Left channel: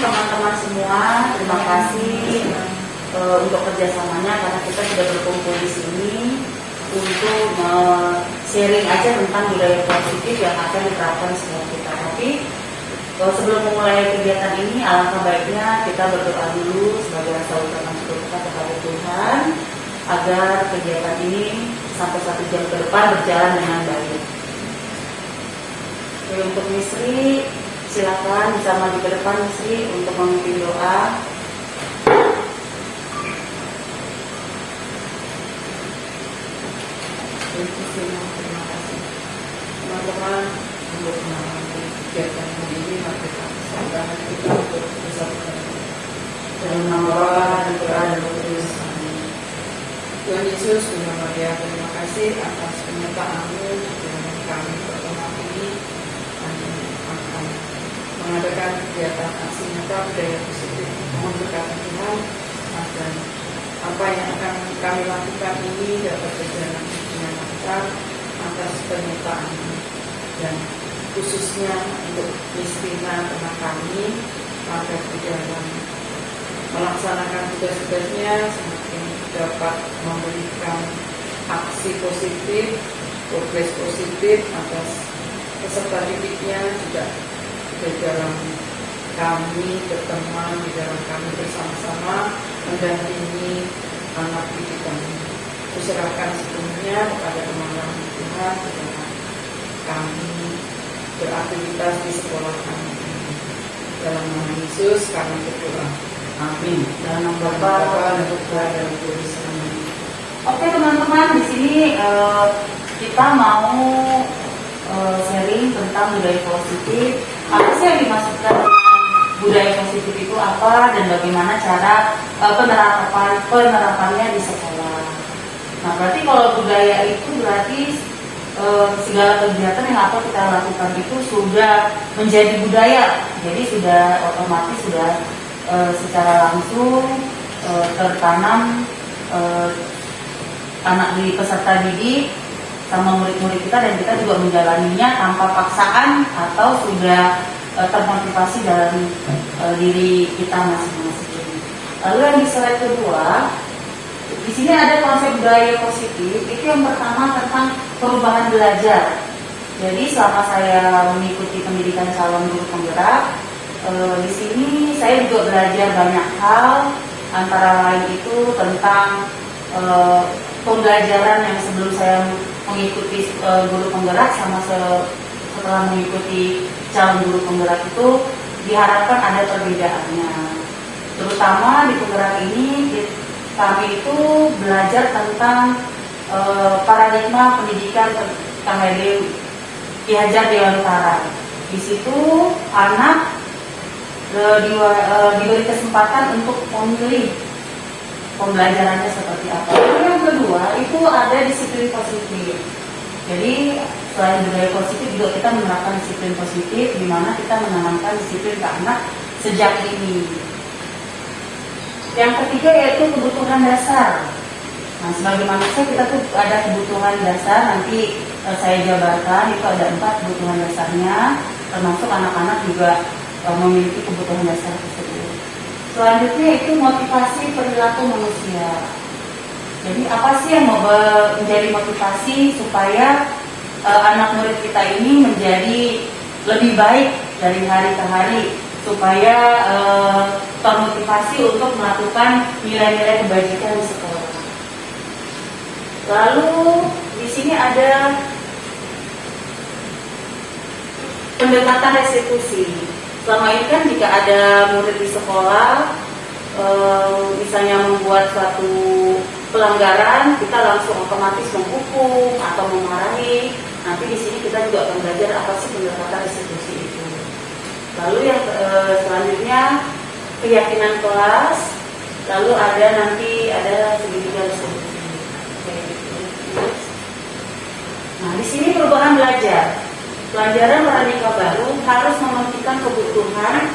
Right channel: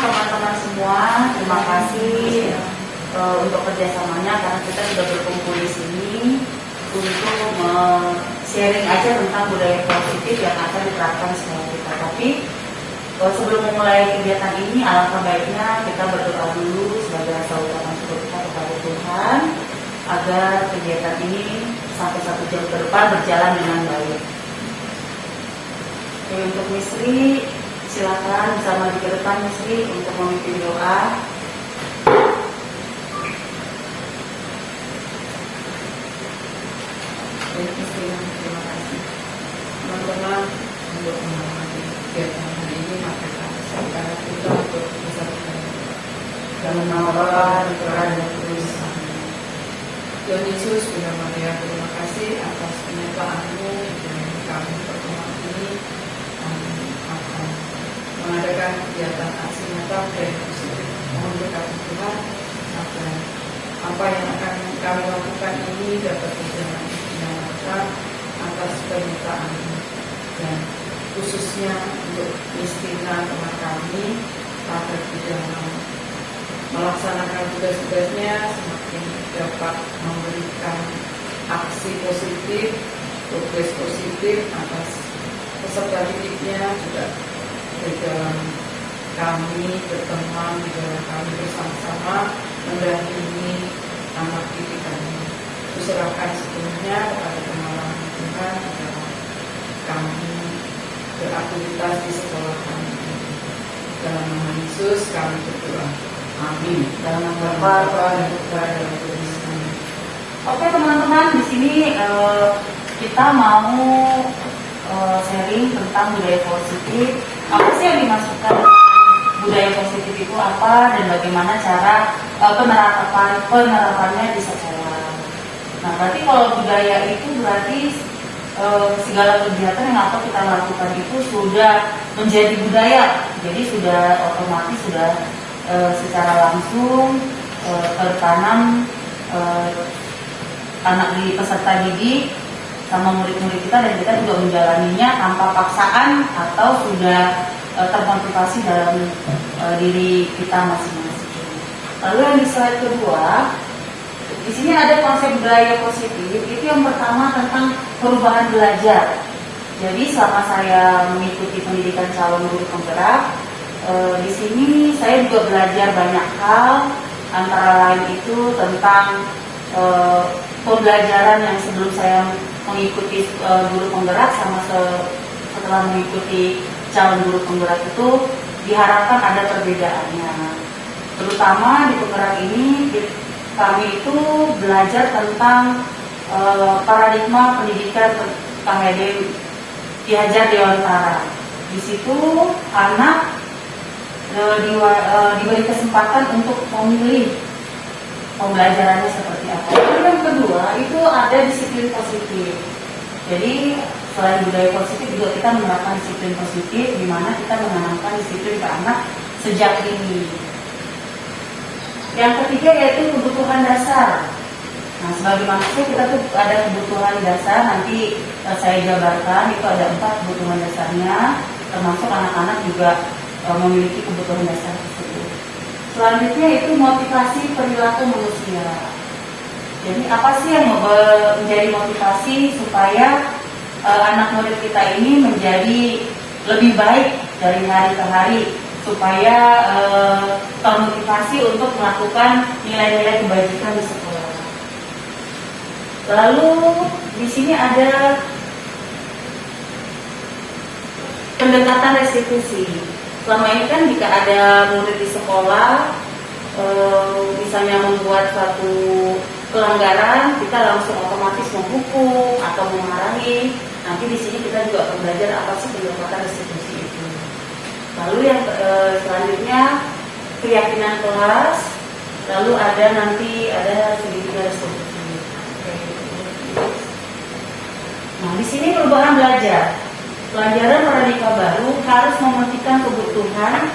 teman-teman semua, terima kasih untuk kerjasamanya karena kita sudah berkumpul di sini untuk sharing aja tentang budaya positif yang akan diterapkan sekolah kita. Tapi sebelum memulai kegiatan ini, alangkah baiknya kita berdoa dulu sebagai rasa ucapan syukur kita kepada Tuhan agar kegiatan ini sampai 1 jam ke depan berjalan dengan baik. Oke, untuk Misri, silakan bisa maju ke depan Misri untuk memimpin doa. Terima kasih teman-teman untuk mengalami kegiatan hari ini. Mari kita sampaikan kita untuk bisa dalam nama Bapa dan Putra dan Roh Kudus. Tuhan Yesus, Bunda Maria, terima kasih atas penyertaan-Mu dan kami pertama ini akan mengadakan kegiatan aksi nyata budaya positif. Mohon berkat Tuhan agar apa yang akan kami lakukan ini dapat berjalan dengan lancar atas permintaan dan khususnya untuk Kristina teman kami agar di dalam melaksanakan tugas-tugasnya semakin dapat memberikan aksi positif, progres positif atas peserta didiknya, juga di dalam kami berteman, di dalam kami bersama-sama mendampingi anak didik kami. Kuserahkan sepenuhnya kepada kemauan Tuhan kepada kami beraktivitas di sekolah kami. Dalam nama Yesus kami berdoa. Amin. Dalam nama Bapa dan Putra dan Roh Kudus. Amin. Oke teman-teman, di sini kita mau sharing tentang budaya positif. Apa sih yang dimaksudkan dengan budaya positif itu apa dan bagaimana cara penerapannya di sekolah. Nah, berarti kalau budaya itu berarti segala kegiatan yang atau kita lakukan itu sudah menjadi budaya. Jadi sudah otomatis sudah secara langsung tertanam anak di peserta didik sama murid-murid kita, dan kita juga menjalaninya tanpa paksaan atau sudah termotivasi dalam diri kita masing-masing. Lalu yang di slide kedua, di sini ada konsep budaya positif. Itu yang pertama tentang perubahan belajar. Jadi selama saya mengikuti pendidikan calon guru penggerak, di sini saya juga belajar banyak hal, antara lain itu tentang pembelajaran yang sebelum saya mengikuti guru penggerak sama setelah mengikuti calon guru penggerak itu diharapkan ada perbedaannya. Terutama di penggerak ini kami itu belajar tentang paradigma pendidikan Ki Hajar Dewantara. Di situ anak diberi kesempatan untuk memilih pembelajarannya seperti apa. Lalu yang kedua itu ada disiplin positif. Jadi selain budaya positif juga kita menerapkan disiplin positif, di mana kita menanamkan disiplin ke anak sejak dini. Yang ketiga yaitu kebutuhan dasar. Nah, sebagai manusia kita tuh ada kebutuhan dasar, nanti saya jabarkan itu ada 4 kebutuhan dasarnya, termasuk anak-anak juga memiliki kebutuhan dasar tersebut. Selanjutnya itu motivasi perilaku manusia. Jadi apa sih yang menjadi motivasi supaya anak murid kita ini menjadi lebih baik dari hari ke hari, supaya termotivasi untuk melakukan nilai-nilai kebajikan di sekolah. Lalu di sini ada pendekatan restitusi. Selama ini kan jika ada murid di sekolah misalnya membuat suatu pelanggaran, kita langsung otomatis menghukum atau memarahi. Nanti di sini kita juga akan belajar apa sih pendekatan restitusi itu. Lalu yang selanjutnya keyakinan kelas. Lalu ada segitiga restitusi. Nah, di sini perubahan belajar. Pelajaran paradigma baru harus memastikan kebutuhan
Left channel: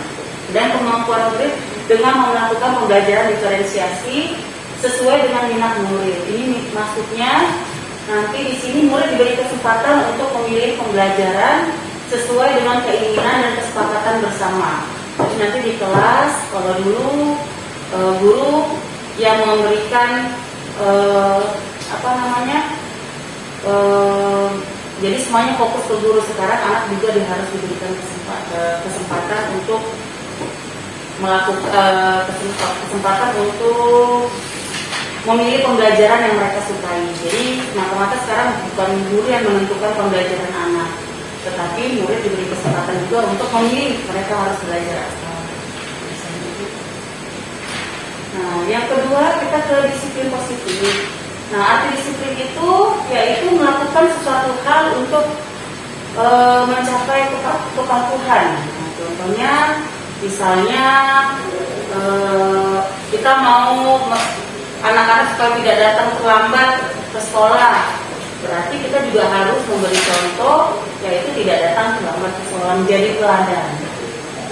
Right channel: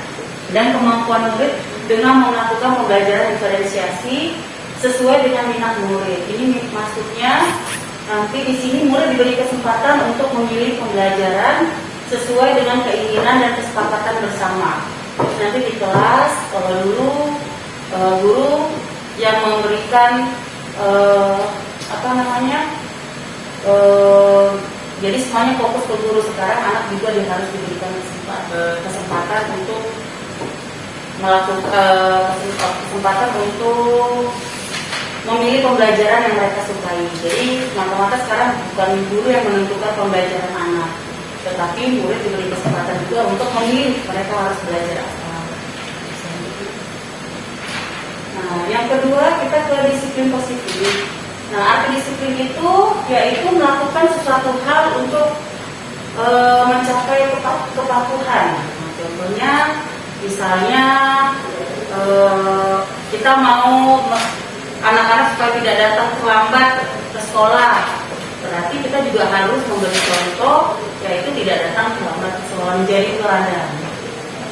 dan kemampuan murid dengan melakukan pembelajaran diferensiasi sesuai dengan minat murid. Ini maksudnya nanti di sini murid diberi kesempatan untuk memilih pembelajaran sesuai dengan keinginan dan kesepakatan bersama. nanti di kelas, kalau dulu guru yang memberikan apa namanya, jadi semuanya fokus ke guru. Sekarang anak juga harus diberikan kesempatan untuk melakukan kesempatan untuk memilih pembelajaran yang mereka sukai. Jadi mata-mata sekarang bukan guru yang menentukan pembelajaran anak, tetapi murid diberi kesempatan juga untuk memilih mereka harus belajar apa. Nah, yang kedua kita ke disiplin positif. Nah, arti disiplin itu yaitu melakukan sesuatu hal untuk mencapai kepatuhan. Contohnya, misalnya kita mau anak-anak supaya tidak datang terlambat ke sekolah, berarti kita juga harus memberi contoh, yaitu tidak datang terlambat ke sekolah, menjadi teladan.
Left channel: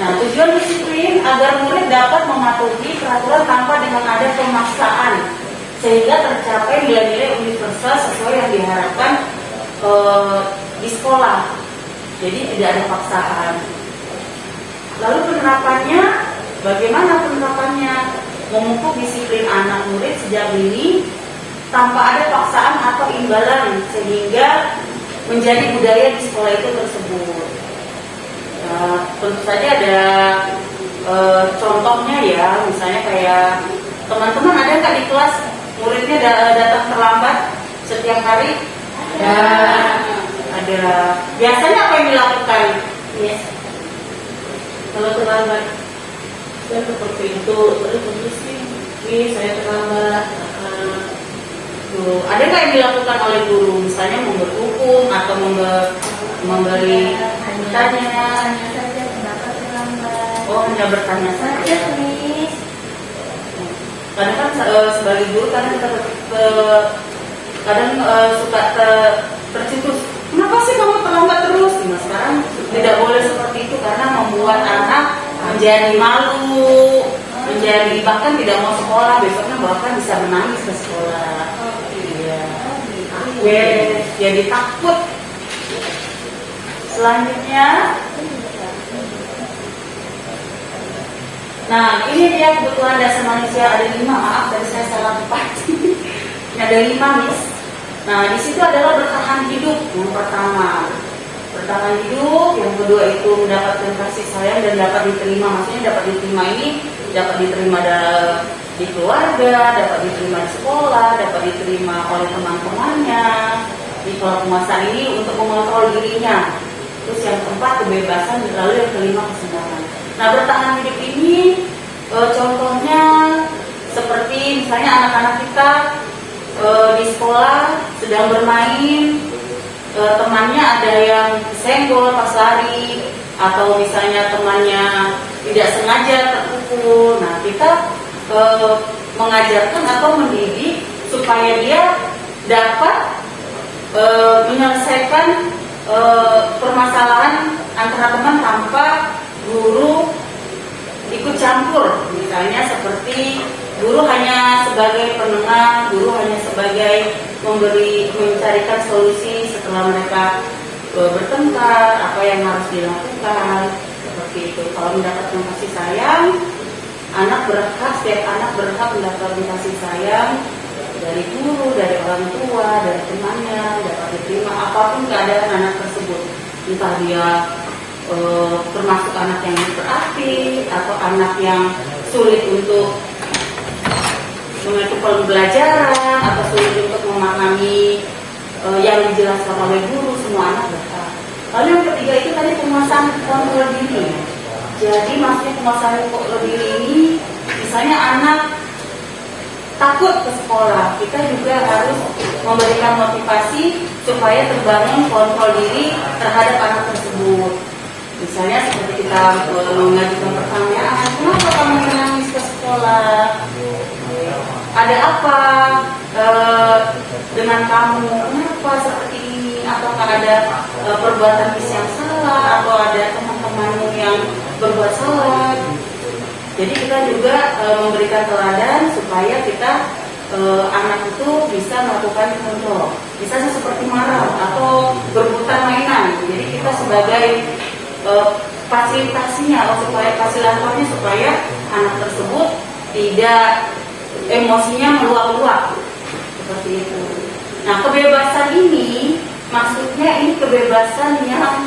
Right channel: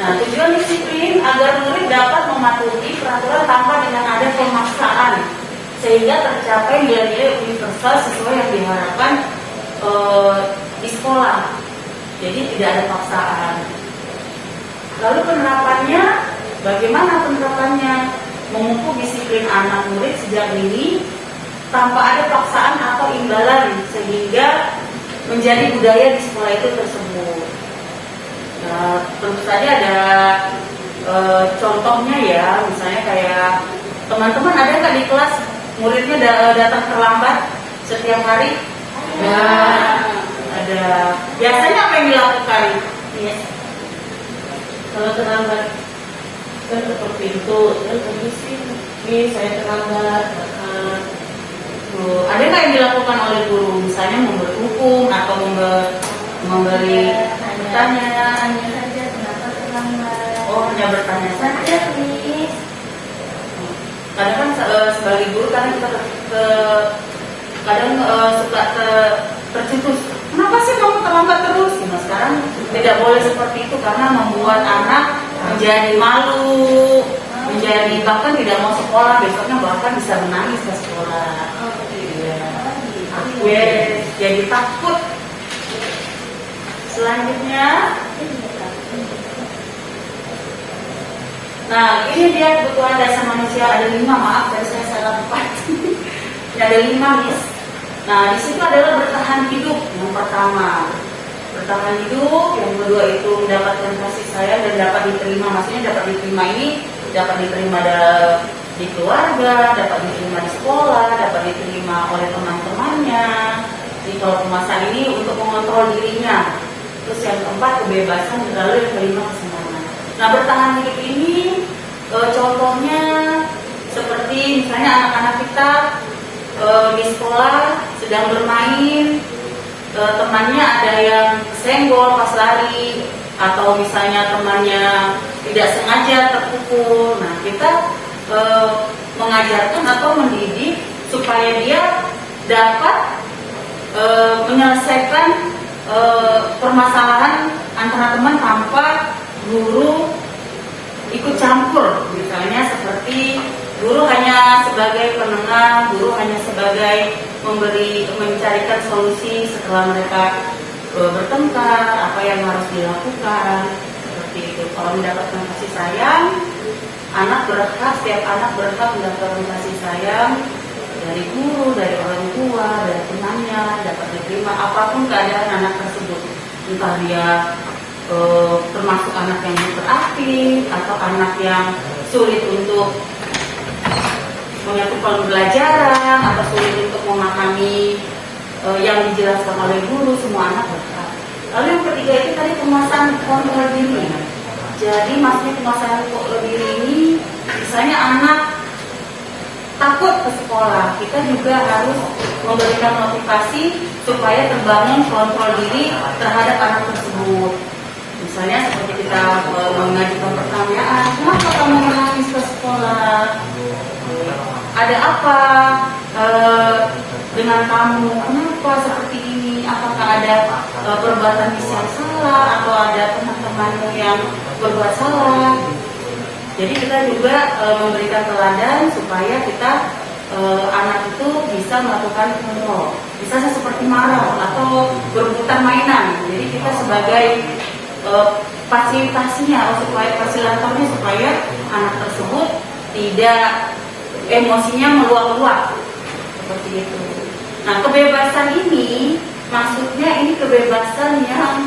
Nah, tujuan disiplin agar murid dapat mematuhi peraturan tanpa dengan ada pemaksaan, sehingga tercapai nilai-nilai universal sesuai yang diharapkan di sekolah. Jadi tidak ada paksaan. Lalu penerapannya, bagaimana penerapannya? Memupuk disiplin anak murid sejak dini tanpa ada paksaan atau imbalan, sehingga menjadi budaya di sekolah itu tersebut. Tentu saja ada contohnya ya, misalnya kayak teman-teman ada nggak di kelas muridnya datang terlambat setiap hari? Ada. Biasanya apa yang dilakukan? Yes. Kalau terlambat, saya seperti itu, ini saya terlambat. Ada nggak yang dilakukan oleh guru? Misalnya memberi hukum atau memberi pertanyaan. Oh, hanya bertanya saja, Miss. Kadang kan sebagai guru kadang kita kadang suka tersitus. Kenapa sih kamu terlambat terus? Nah, sekarang tidak boleh seperti itu karena membuat anak menjadi malu, menjadi bahkan tidak mau sekolah, besoknya bahkan bisa menangis ke sekolah. Iya. Jadi takut. Selanjutnya, nah ini dia kebutuhan dasar manusia, ada 5, maaf tadi saya salah 4. Ada 5, Miss. Nah, di situ adalah bertahan hidup yang pertama. Bertahan hidup, yang kedua itu mendapatkan kasih sayang dan dapat diterima. Maksudnya dapat diterima ini dapat diterima di keluarga, dapat diterima di sekolah, dapat diterima oleh teman-temannya. Di kalau penguasaan ini untuk mengontrol dirinya. Terus yang keempat kebebasan, lalu yang kelima kesenangan. Nah, bertahan hidup ini contohnya seperti misalnya anak-anak kita di sekolah sedang bermain, temannya ada yang senggol pas lari, atau misalnya temannya tidak sengaja terpukul. Nah, kita mengajarkan atau mendidik supaya dia dapat menyelesaikan permasalahan antara teman tanpa guru ikut campur. Misalnya seperti guru hanya sebagai penengah, guru hanya sebagai mencarikan solusi setelah mereka bertengkar, apa yang harus dilakukan, seperti itu. Kalau mendapatkan kasih sayang, setiap anak berhak mendapatkan kasih sayang dari guru, dari orang tua, dari temannya, dapat diterima apapun keadaan anak tersebut. Entah dia termasuk anak yang hiperaktif atau anak yang sulit untuk mengikuti pembelajaran atau sulit untuk memahami yang dijelaskan oleh guru, semua anak berhak. Lalu yang ketiga itu tadi penguasaan kontrol diri. Jadi maksudnya penguasaan kontrol diri ini, misalnya anak takut ke sekolah, kita juga harus memberikan motivasi supaya terbangun kontrol diri terhadap anak tersebut. Misalnya seperti kita mengajukan pertanyaan, kenapa kamu menangis ke sekolah? Ada apa dengan kamu? Kenapa seperti ini? Apakah ada perbuatan yang salah atau ada teman-temanmu yang berbuat salah? Jadi kita juga memberikan teladan supaya kita anak itu bisa melakukan kontrol. Misalnya seperti marah atau berebutan mainan. Jadi kita sebagai fasilitasinya, supaya fasilitatornya supaya anak tersebut tidak emosinya meluap-luap seperti itu. Nah, kebebasan ini maksudnya ini kebebasan yang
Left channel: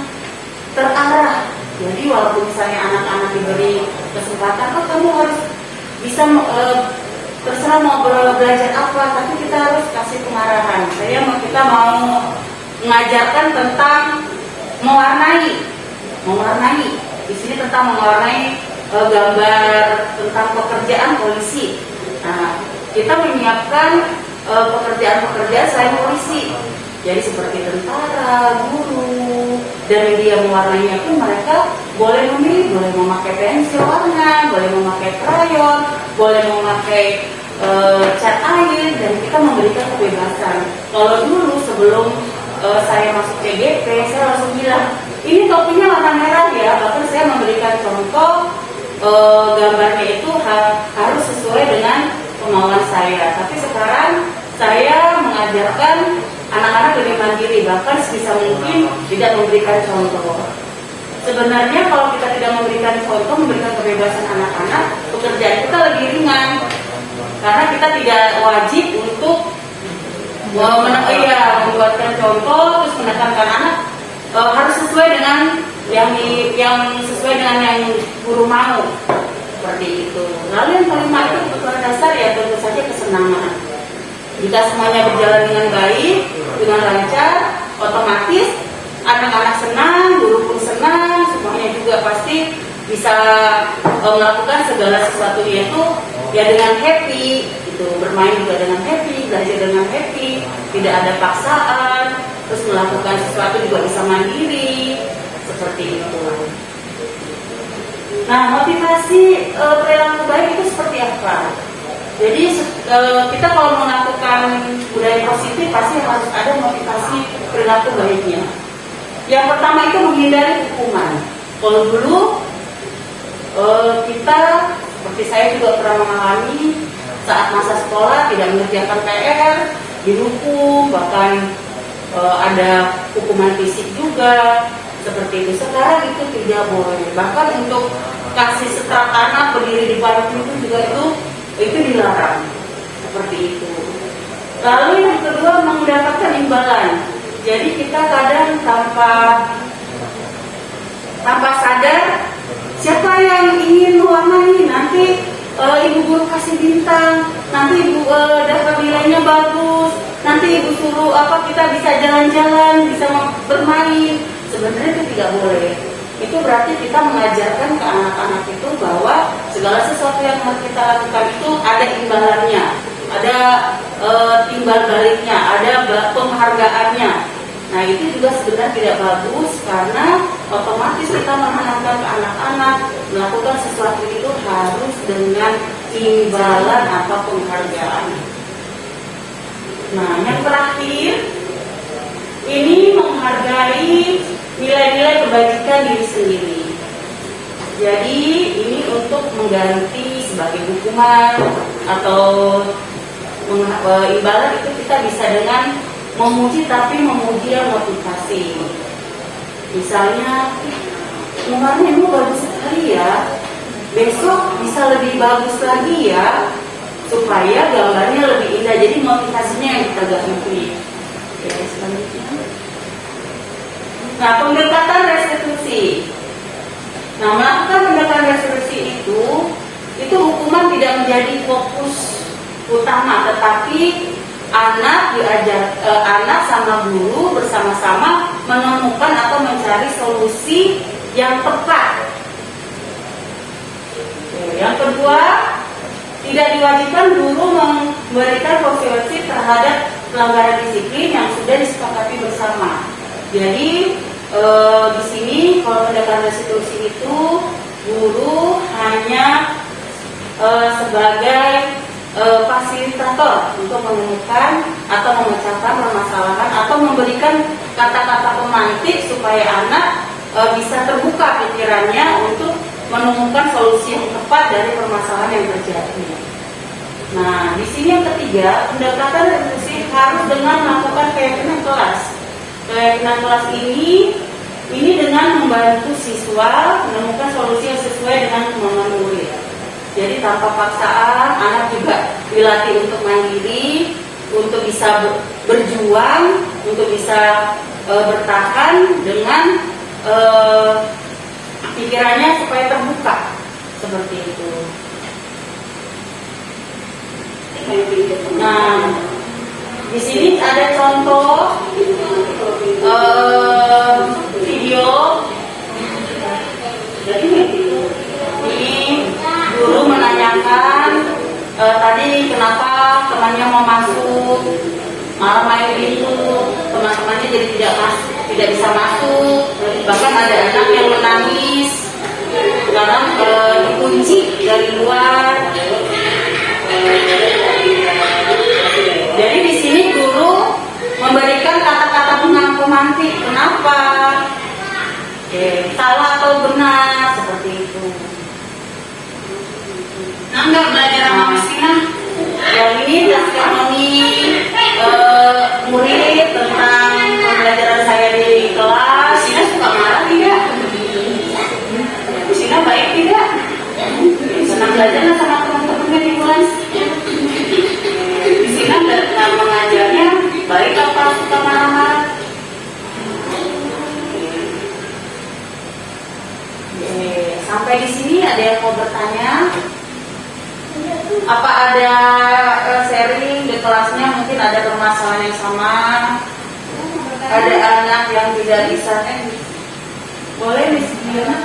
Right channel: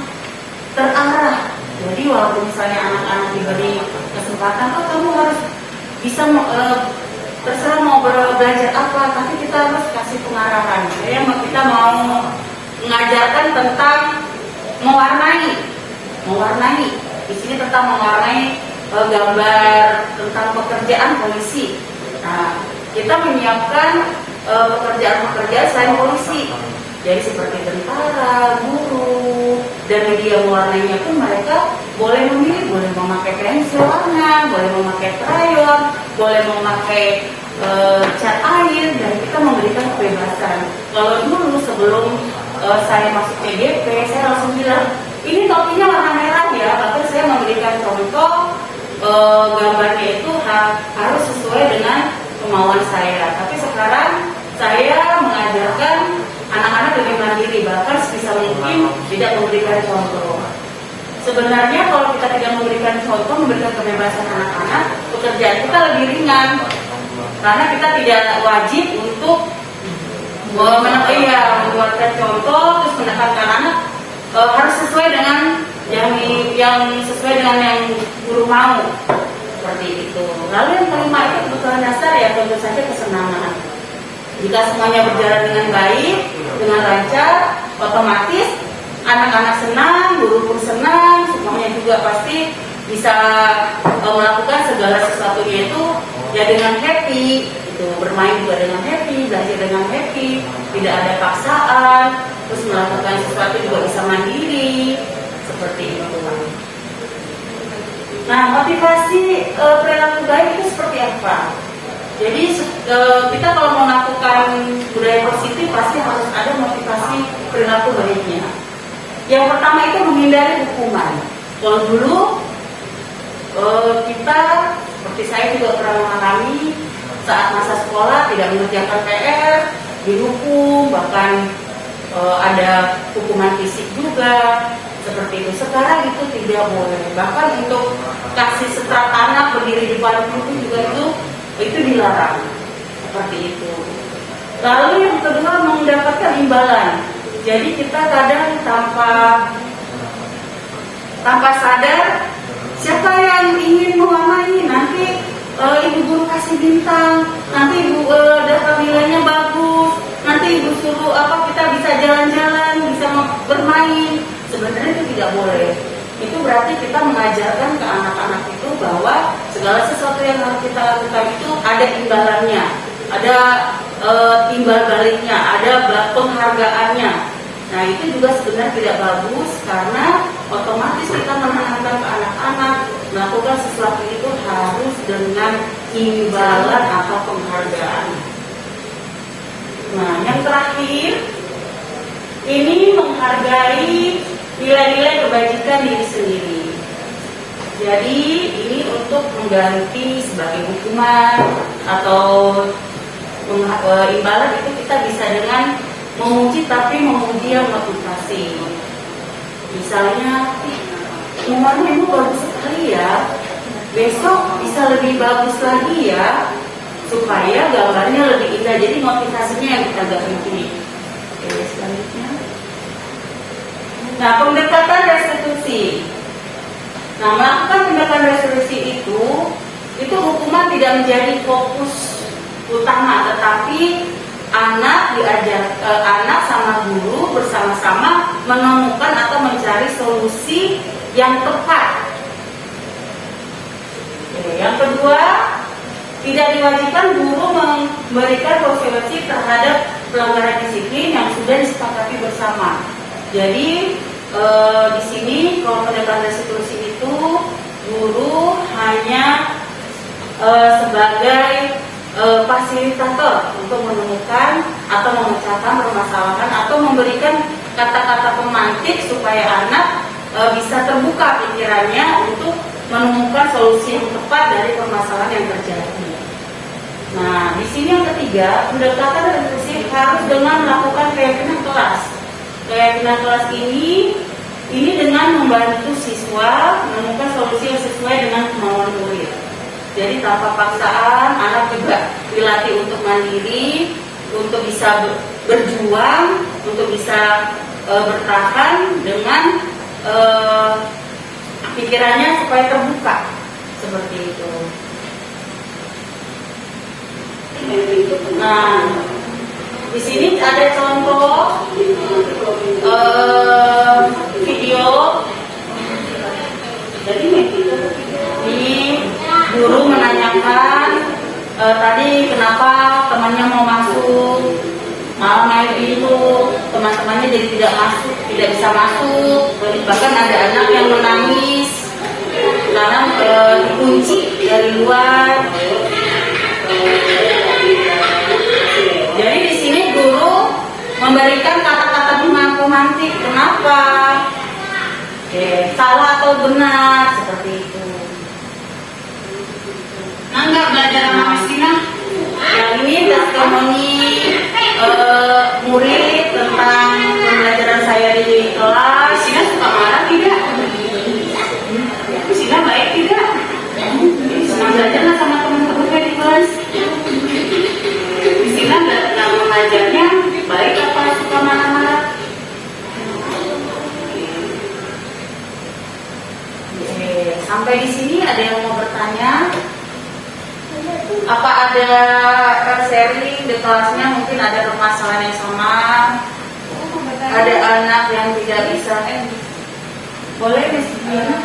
terarah. Jadi walaupun misalnya anak-anak diberi kesempatan, oh kamu harus bisa terserah mau belajar apa, tapi kita harus kasih pengarahan. Kita mau mengajarkan tentang mewarnai. Di sini tentang mewarnai gambar tentang pekerjaan polisi. Nah, kita menyiapkan pekerjaan-pekerjaan selain polisi. Jadi seperti tentara, guru, dan media mewarnainya pun mereka boleh memilih, boleh memakai pensil warna, boleh memakai krayon, boleh memakai cat air, dan kita memberikan kebebasan. Kalau dulu sebelum saya masuk PGP, saya langsung bilang, ini topinya warna merah ya, bahkan saya memberikan contoh gambarnya itu harus sesuai dengan kemauan saya. Tapi sekarang saya mengajarkan anak-anak lebih mandiri, bahkan sebisa mungkin tidak memberikan contoh. Sebenarnya kalau kita tidak memberikan contoh, memberikan kebebasan anak-anak, pekerjaan kita lebih ringan, karena kita tidak wajib untuk membuatkan contoh terus menekankan anak harus sesuai dengan yang sesuai dengan yang guru mau, seperti itu. Lalu yang kelima itu kebutuhan dasar, ya tentu saja kesenangan. Jika semuanya berjalan dengan baik, dengan lancar, otomatis anak-anak senang, guru pun senang, semuanya juga pasti bisa melakukan segala sesuatunya itu ya dengan happy, itu bermain juga dengan happy, belajar dengan happy, tidak ada paksaan, terus melakukan sesuatu juga bisa mandiri, seperti itu. Nah, motivasi perilaku baik itu seperti apa? Jadi kita kalau melakukan budaya positif pasti harus ada motivasi perilaku baiknya. Yang pertama itu menghindari hukuman. Kalau dulu kita, seperti saya juga pernah mengalami saat masa sekolah tidak mengerjakan PR, dihukum, bahkan ada hukuman fisik juga, seperti itu. Sekarang itu tidak boleh. Bahkan untuk kasih setrap anak berdiri di depan guru juga itu dilarang, seperti itu. Lalu yang kedua, mendapatkan imbalan. Jadi kita kadang tanpa sadar, siapa yang ingin mewarnai, nanti ibu guru kasih bintang, nanti ibu dapat nilainya bagus, nanti ibu suruh kita bisa jalan-jalan, bisa bermain. Sebenarnya itu tidak boleh. Itu berarti kita mengajarkan ke anak-anak itu bahwa segala sesuatu yang harus kita lakukan itu ada imbalannya, ada timbal baliknya, ada penghargaannya. Nah, itu juga sebenarnya tidak bagus, karena otomatis kita menanamkan ke anak-anak melakukan sesuatu itu harus dengan imbalan atau penghargaan. Nah, yang terakhir ini menghargai nilai-nilai kebajikan diri sendiri. Jadi ini untuk mengganti sebagai hukuman atau imbalan itu kita bisa dengan memuji, tapi memuji yang motivasi. Misalnya, mewarna ibu bagus sekali ya, besok bisa lebih bagus lagi ya, supaya gambarnya lebih indah. Jadi motivasinya yang kita ganti. Oke, selanjutnya. Nah, pendekatan restitusi. Nah, melakukan pendekatan restitusi itu hukuman tidak menjadi fokus utama, tetapi anak sama guru bersama-sama menemukan atau mencari solusi yang tepat. Yang kedua, tidak diwajibkan guru memberikan solusi terhadap pelanggaran disiplin yang sudah disepakati bersama. Jadi di sini kalau pendekatan restitusi itu guru hanya sebagai fasilitator untuk menemukan atau memecahkan permasalahan atau memberikan kata-kata pemantik supaya anak bisa terbuka pikirannya untuk menemukan solusi yang tepat dari permasalahan yang terjadi. Nah, di sini yang ketiga, pendekatan restitusi harus dengan melakukan keyakinan kelas. Keyakinan kelas ini Ini dengan membantu siswa menemukan solusi yang sesuai dengan kemauan murid. Jadi tanpa paksaan, anak juga dilatih untuk mandiri, untuk bisa berjuang, untuk bisa bertahan dengan pikirannya supaya terbuka seperti itu. Nah, di sini ada contoh video. Jadi ini guru menanyakan tadi kenapa temannya mau masuk, malah main pintu, teman-temannya jadi tidak masuk, tidak bisa masuk. Bahkan ada anak yang menangis karena dikunci dari luar. Jadi di sini guru memberikan kata-kata pemantik. Kenapa? Oke, salah atau benar seperti itu. Enggak belajar sama Miss Tina. Yang ini testimoni murid tentang pembelajaran saya di kelas. Tina suka marah tidak? Tina baik tidak? Senang belajar nggak sama teman-temannya di kelas? Tina nggak mengajarnya Baik apa suka marah-marah? Sampai di sini ada yang mau bertanya? Apa ada sharing di kelasnya? Mungkin ada permasalahan yang sama. Ada anak yang tidak bisa. Boleh Miss Diana?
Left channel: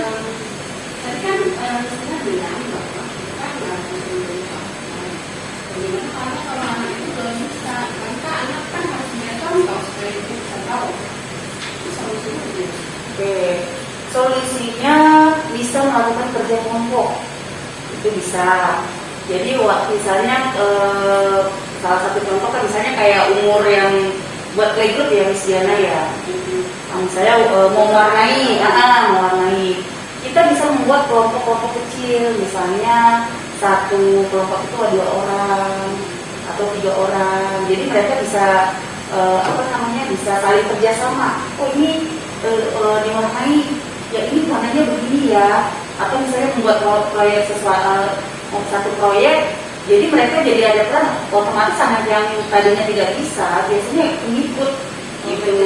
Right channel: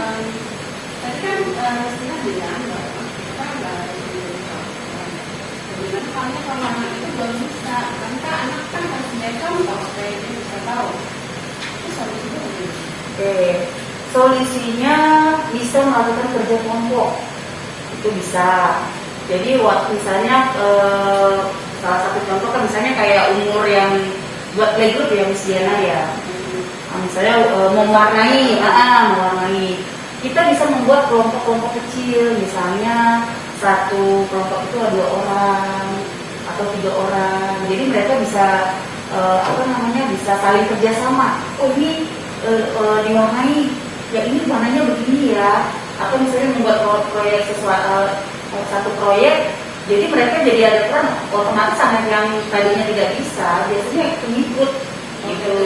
Tadi kan mestinya bilang kalau anak itu belum bisa, karena anak kan harus punya contoh supaya dia bisa tahu. Itu solusinya gimana? Oke, solusinya bisa melakukan kerja kelompok. Itu bisa. Jadi waktu misalnya salah satu contoh kan misalnya kayak umur yang buat playgroup ya Miss Diana ya. Misalnya mewarnai, kita bisa membuat kelompok-kelompok kecil, misalnya satu kelompok itu ada 2 orang atau 3 orang. Jadi mereka bisa bisa saling kerjasama. Oh ini diwarnai, ya ini warnanya begini ya. Atau misalnya membuat proyek satu proyek, jadi mereka jadi ada peran. Otomatis anak yang tadinya tidak bisa, biasanya pengikut gitu.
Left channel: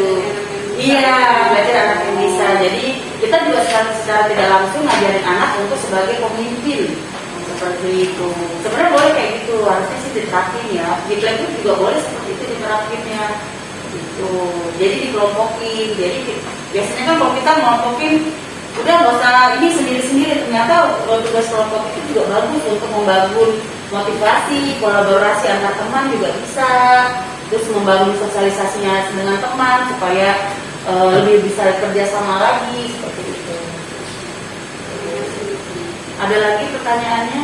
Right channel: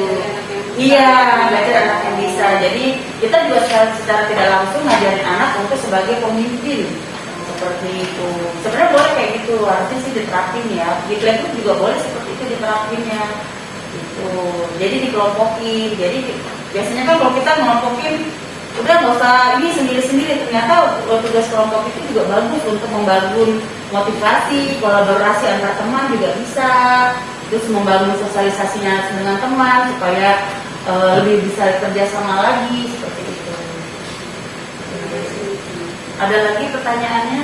Iya, belajar anak yang bisa. Jadi kita juga secara tidak langsung ngajarin anak untuk sebagai pemimpin seperti itu. Sebenarnya boleh kayak gitu, harusnya sih diterapin ya. Di playgroup juga boleh seperti itu diterapinnya. Gitu. Jadi dikelompokin. Jadi biasanya kan kalau kita melompokin, udah nggak usah ini sendiri-sendiri. Ternyata tugas kelompok itu juga bagus untuk membangun motivasi, kolaborasi antar teman juga bisa. Terus membangun sosialisasinya dengan teman supaya lebih bisa kerja sama lagi seperti itu. Ada lagi pertanyaannya?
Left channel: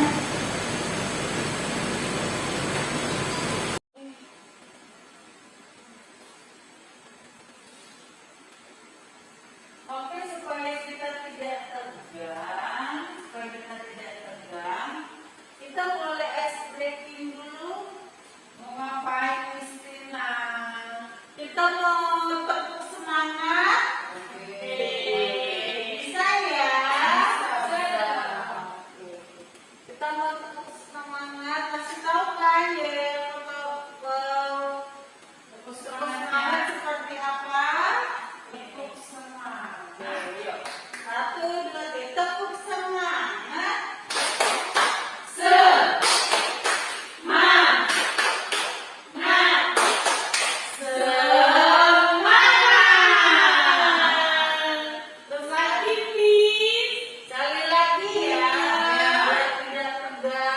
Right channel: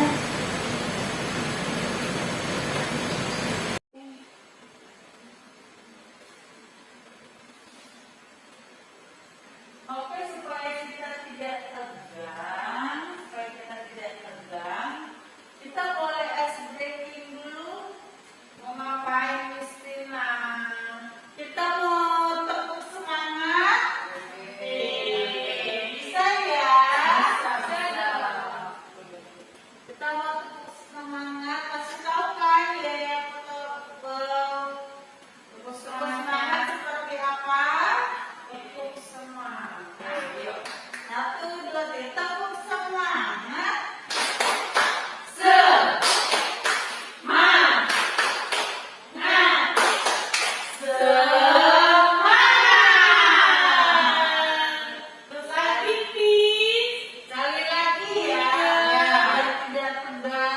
Oke, supaya kita tidak tegang, kita boleh ice breaking dulu. mau ngapain Miss Tina? Kita mau tepuk semangat. Bisa ya? Bisa. Kita mau tepuk semangat. Kasih tahu kan ya tepuk semangat seperti apa? Tepuk semangat. Yuk. 1, 2, 3, tepuk semangat. Terus saya pipis. Sekali lagi ya. Biar tidak tegang.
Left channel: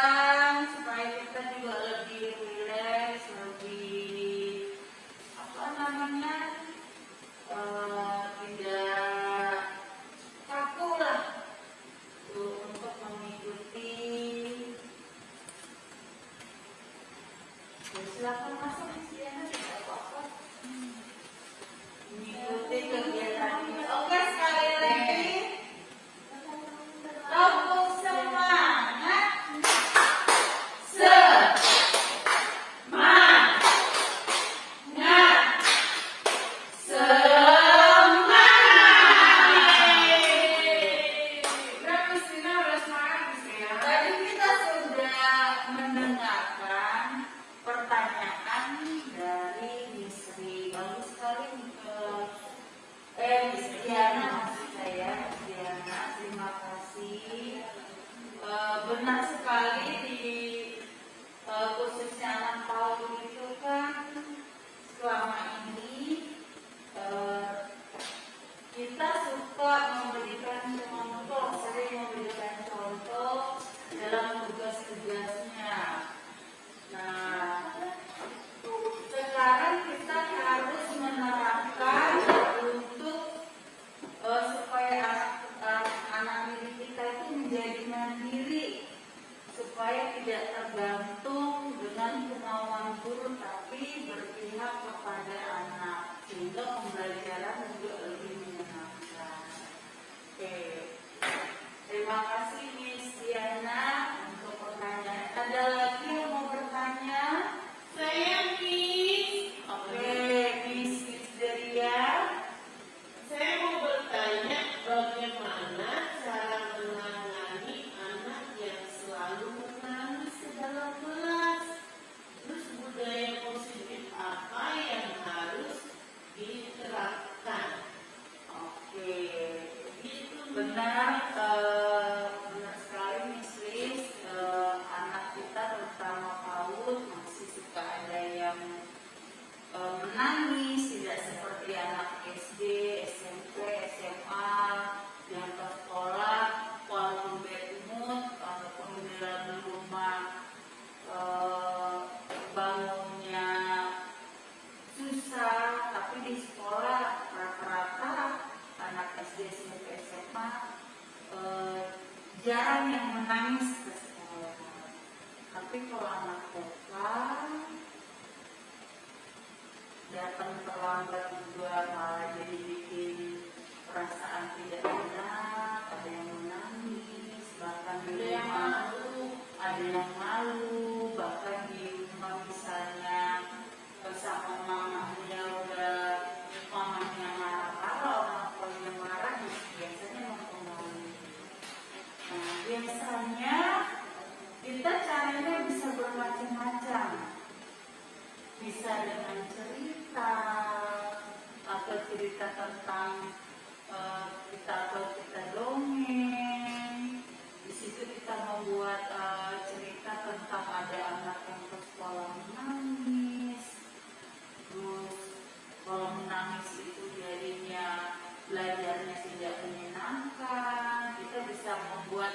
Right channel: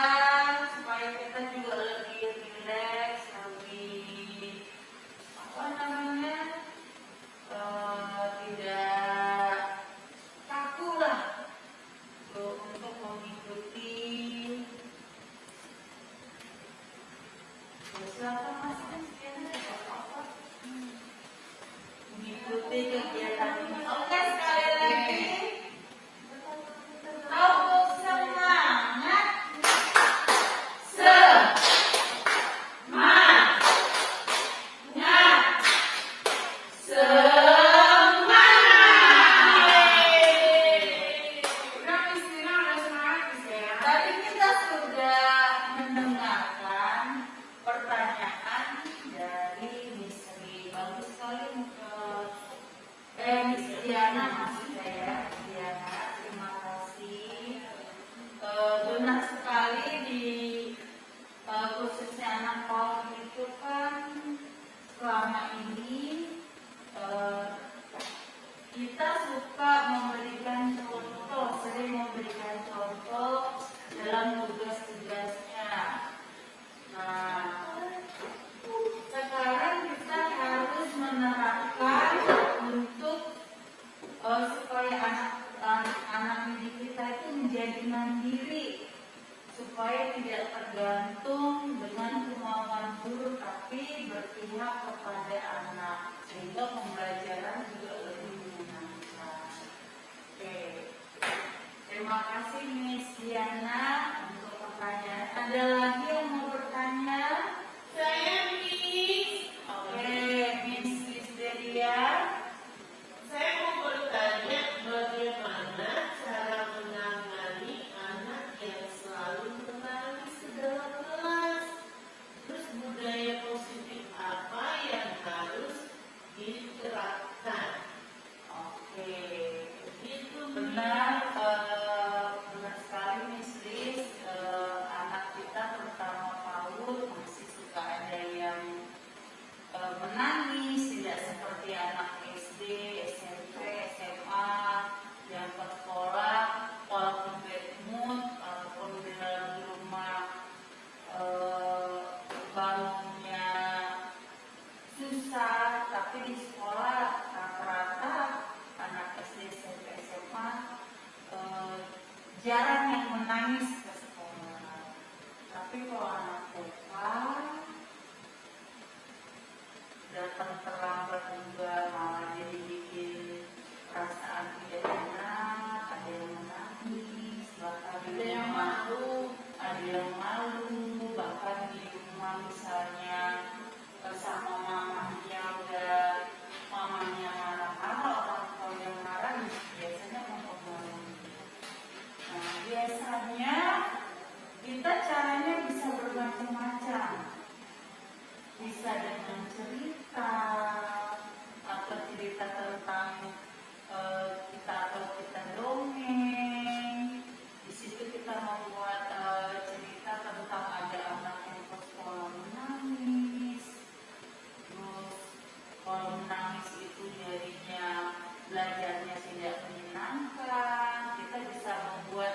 supaya tidak tergantung dengan kemauan guru tapi berpihak kepada anak sehingga pembelajaran juga lebih menyenangkan. Oke, terima kasih Miss Diana untuk pertanyaan. Ada lagi yang mau bertanya? Saya Miss. Oke, Miss Delia. Saya mau bertanya bagaimana cara menangani anak yang selalu menangis dalam kelas. Terus budaya positif apa yang harus diterapkan? Oke, Itu benar, benar sekali Miss Liz. Anak kita terutama PAUD masih suka ada yang menangis, tidak seperti anak SD, SMP, SMA yang ke sekolah walaupun bad mood ataupun di dalam rumah bangunnya susah, tapi di sekolah rata-rata anak SD, SMP, SMA jarang yang menangis ke sekolah. Tapi kalau anak TK datang terlambat juga malah jadi bikin perasaan tidak enak, ada yang menangis, bahkan di ada yang rumah malu. ada yang malu, bahkan di rumah misalnya bersama mamanya mamanya marah-marah, orang tuanya marah, biasanya mempengaruhi. Nah, biasanya kita caranya bisa bermacam-macam. Bisa dengan cerita atau cerita tentang kita dongeng. Di situ kita membuat cerita tentang ada anak yang ke sekolah menangis. Terus kalau menangis itu jadinya belajarnya tidak menyenangkan. Kita bisa membuat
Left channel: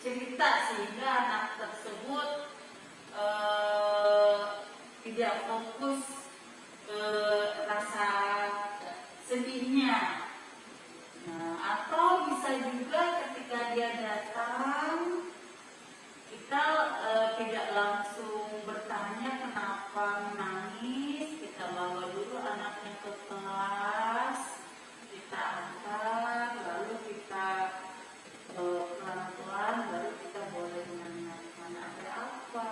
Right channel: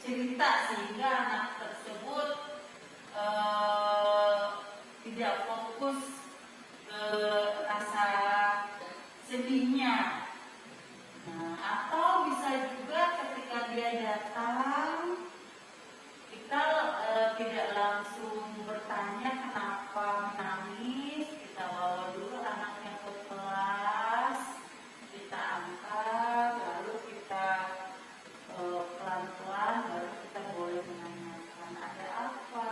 cerita sehingga anak tersebut tidak fokus ke rasa sedihnya. Nah, atau bisa juga ketika dia datang kita tidak langsung bertanya kenapa menangis, kita bawa dulu anaknya ke kelas, kita angkat, lalu kita pelan-pelan, baru kita boleh menanyakan ada apa,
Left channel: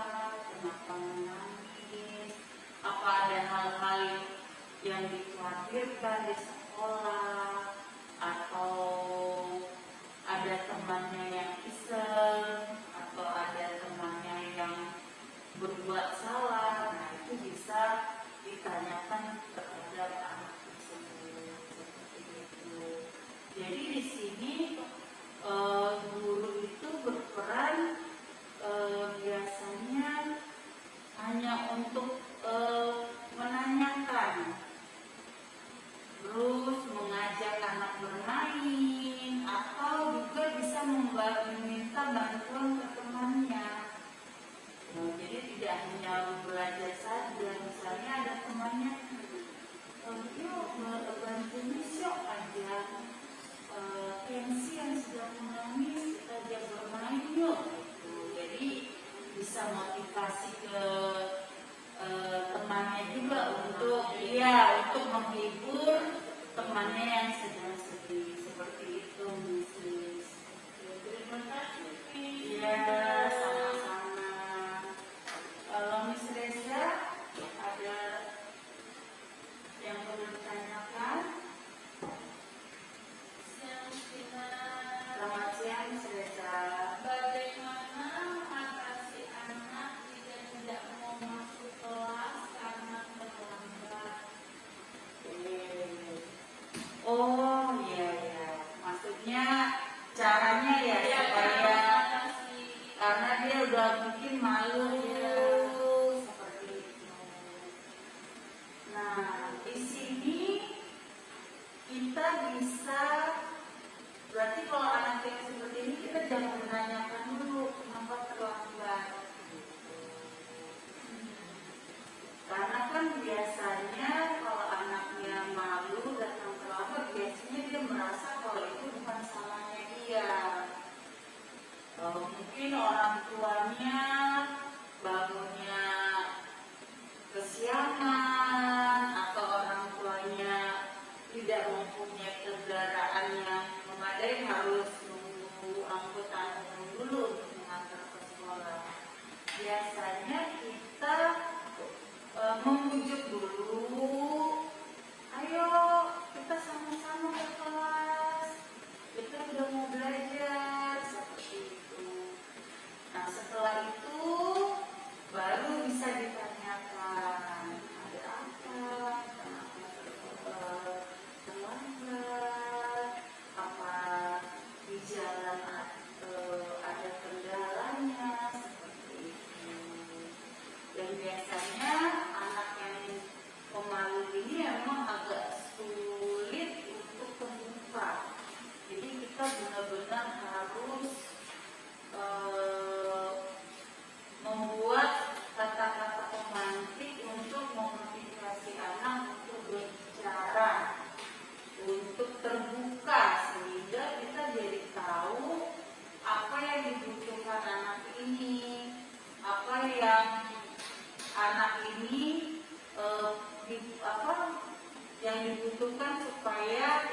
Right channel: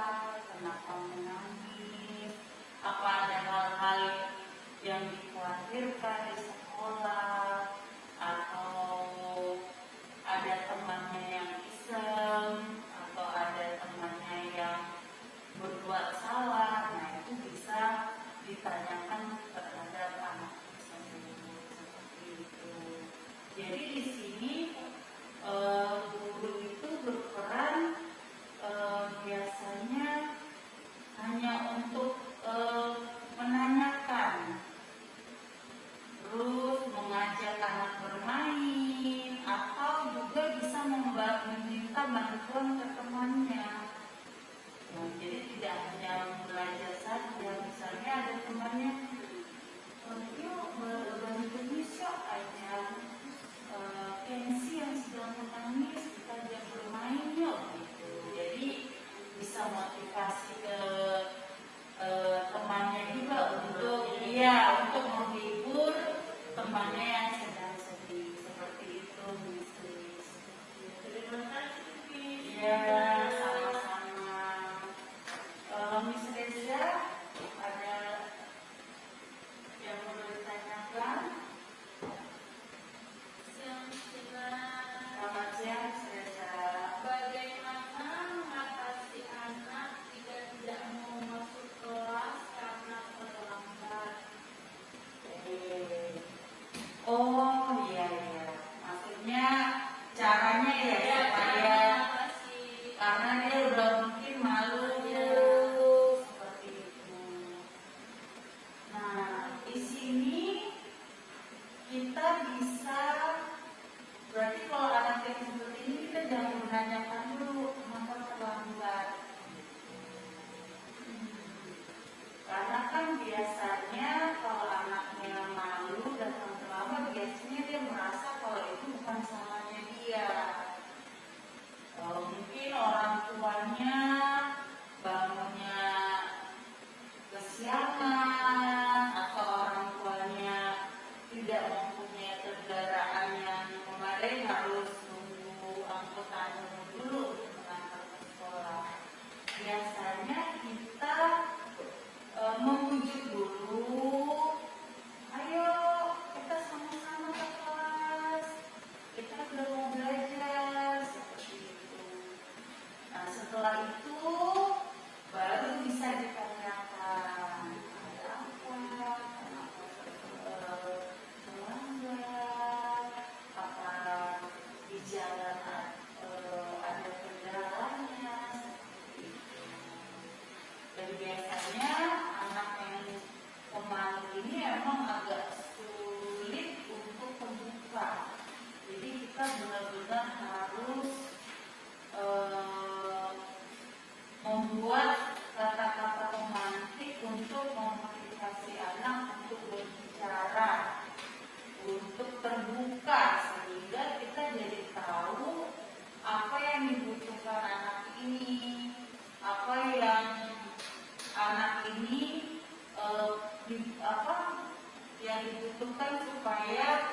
kenapa menangis, apa ada hal-hal yang dikhawatirkan di sekolah, atau ada temannya yang iseng, atau ada temannya yang berbuat salah. Nah, itu bisa ditanyakan terhadap anak tersebut seperti itu. Jadi di sini guru itu berperan biasanya hanya untuk menanyakan, terus mengajak anak bermain, atau juga bisa meminta bantuan ke temannya. Nah, jadi tidak hanya belajar saja, misalnya ada temannya, yuk bantu bisa aja Kensi yang sedang menangis, kita ajak bermain yuk. Gitu. Jadi bisa motivasi ke temannya juga untuk menghibur temannya yang sedang sedih, seperti itu Miss. Terima kasih Miss. Iya, sama-sama. Kalau Miss Reza ada yang mau ditanyakan? Selamat siang Miss Reza. Bagaimana mengatasi anak jika tidak mau masuk kelas karena terlambat? Oh iya ya, maksudnya caranya ya Ya, supaya mengatasi. karena dia udah mungkin malu seperti itu. Nah, di sini kita bisa berarti kalau anak yang seperti ini kita jangan menanyakan dulu kenapa terlambat. Karena kan biasanya kalau anaknya malu datang terlambat, biasanya dia merasa kalau itu bukan salahnya dia. Mungkin orang tuanya biasanya kita memujuk dulu, ayo kita sama-sama ke kelas, kita sudah mau belajar, seperti itu. Nah setelah itu baru bisa ditanyakan ada apa, kenapa terlambat, apa di jalan ada kendalanya, seperti itu. Dan biasanya anak yang pemalu ini memang agak sulit untuk terbuka. Jadi kita benar-benar harus membuat kata-kata pemantik untuk memotivasi anak untuk berbicara, untuk terbuka, sehingga kita jadi tahu apa yang dibutuhkan anak ini, apa yang anak ini yang dibutuhkan supaya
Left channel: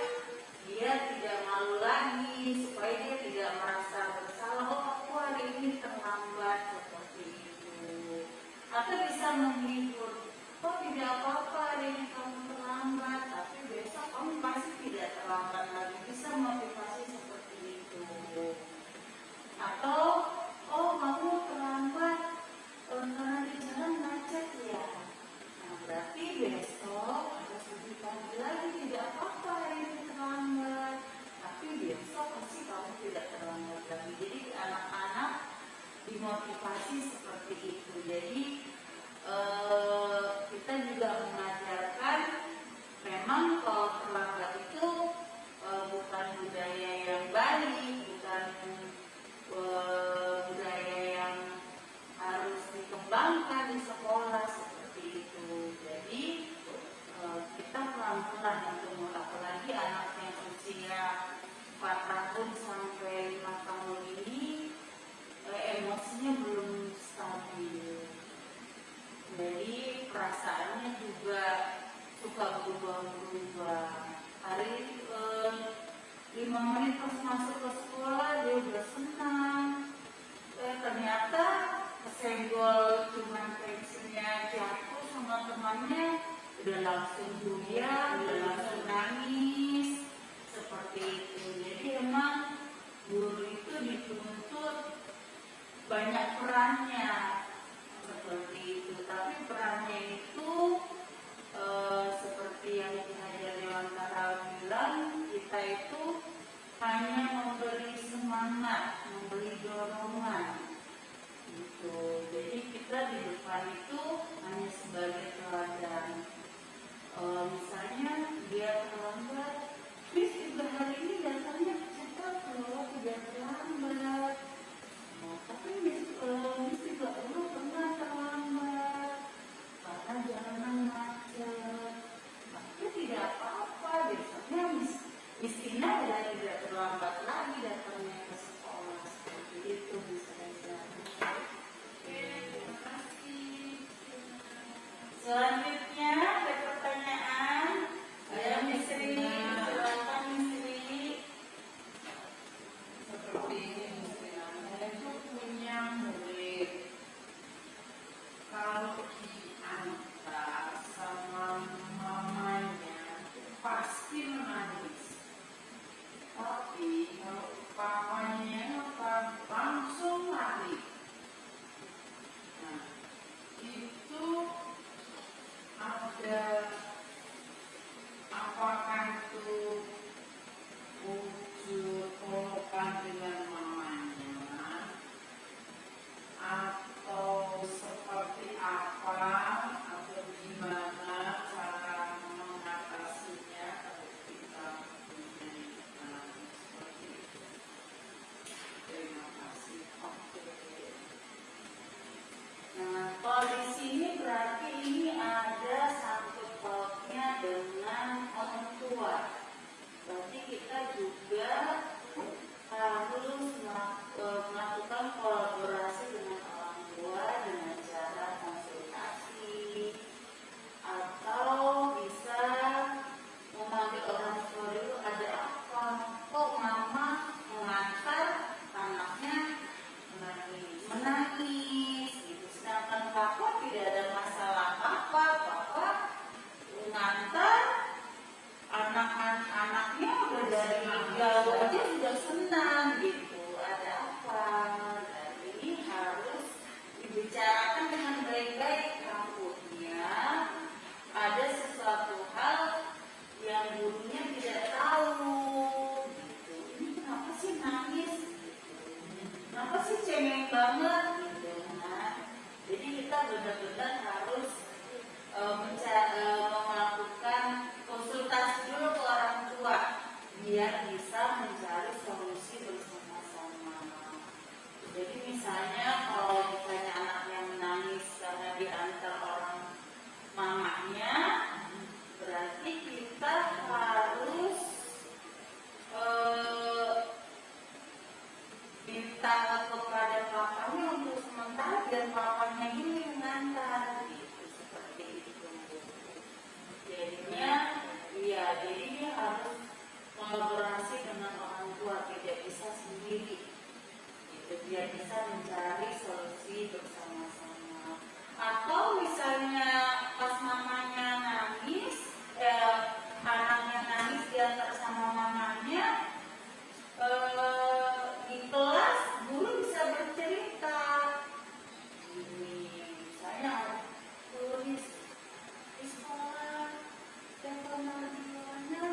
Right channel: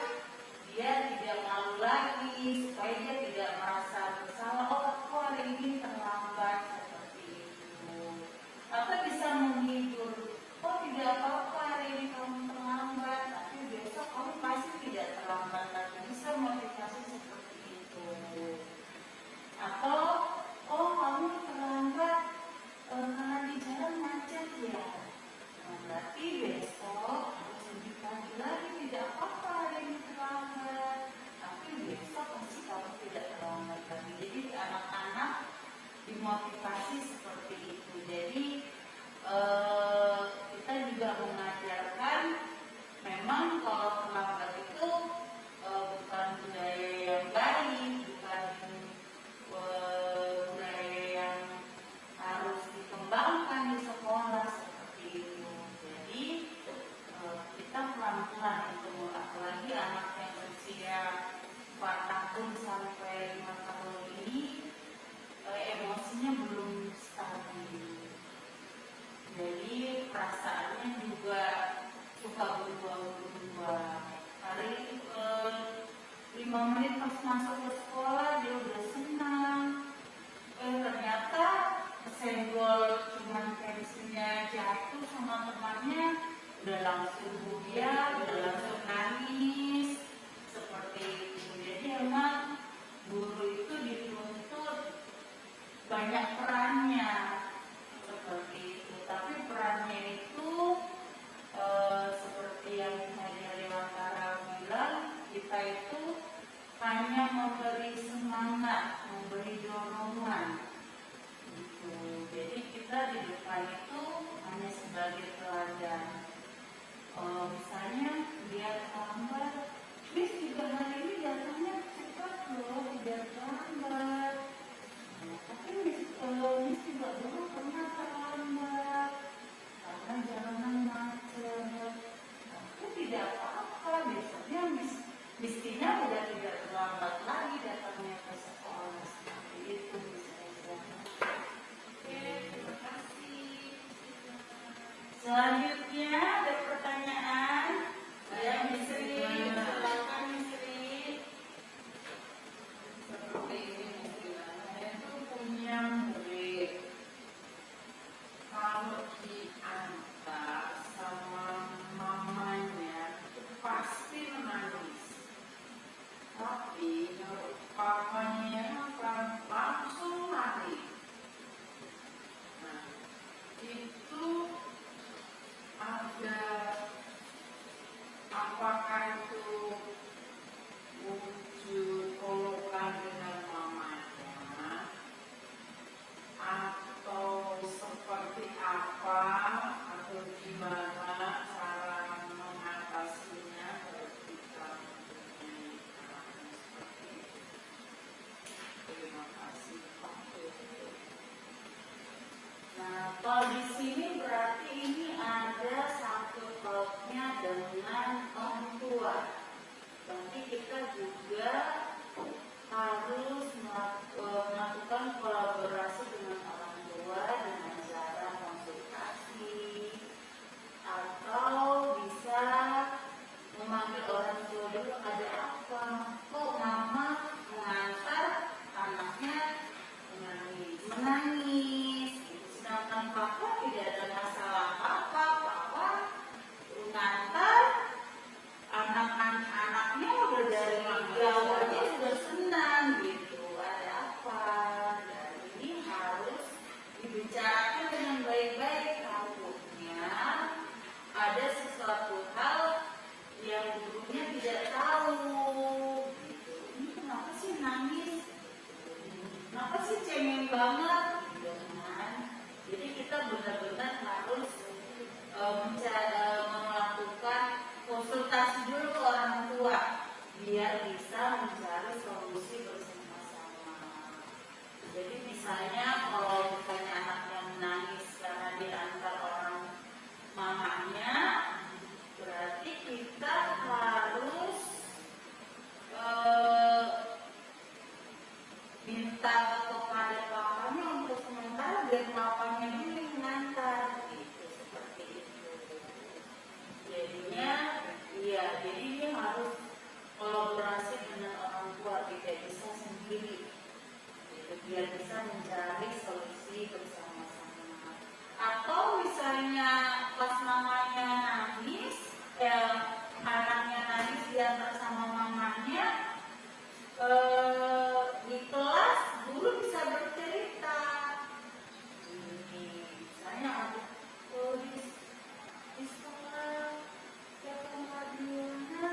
dia tidak malu lagi, supaya dia tidak merasa bersalah. Oh, aku hari ini terlambat, seperti itu. Atau bisa menghibur, oh tidak apa-apa hari ini kamu terlambat, tapi besok kamu pasti tidak terlambat lagi. Bisa motivasi seperti itu. Atau oh kamu terlambat karena di jalan macet ya. Nah, berarti besok harus lebih pagi lagi, tidak apa-apa hari ini terlambat, tapi besok pasti kamu tidak terlambat lagi. Jadi anak-anak dimotivasi seperti itu. Jadi kita juga mengajarkan memang kalau terlambat itu bukan budaya yang baik, bukan budaya yang harus dikembangkan di sekolah seperti itu. Jadi kita pelan-pelan untuk apalagi anak yang usia 4 tahun sampai 5 tahun ini emosinya belum stabil. Jadi perasaannya juga suka berubah-ubah. dibicarakan dengan baik-baik, takutnya ada sesuatu hal yang gurunya tidak tahu gitu. Ini kenapa sih nangis, kenapa sih cengeng banget gitu kan. Jadi kita benar-benar harus melakukan konsultasi dulu ke orang tua biar bisa mencari solusi bersama-sama. Jadi misalnya kalau misalnya anaknya menangis karena diantar orang mamanya, berarti kita harus minta kepada papanya untuk sementara biar papanya ini mengantar gitu, seperti itu. Jadinya, iya, jadi dia harus kolaborasi dengan orang tua, tidak bisa sendiri. Gitu, biar bisa mencari solusi bersama-sama. Atau misalnya pas mamanya nangis, anaknya nangis diantar sama mamanya, di kelas guru bisa bercerita. Misalnya di sekolah Tante Mariana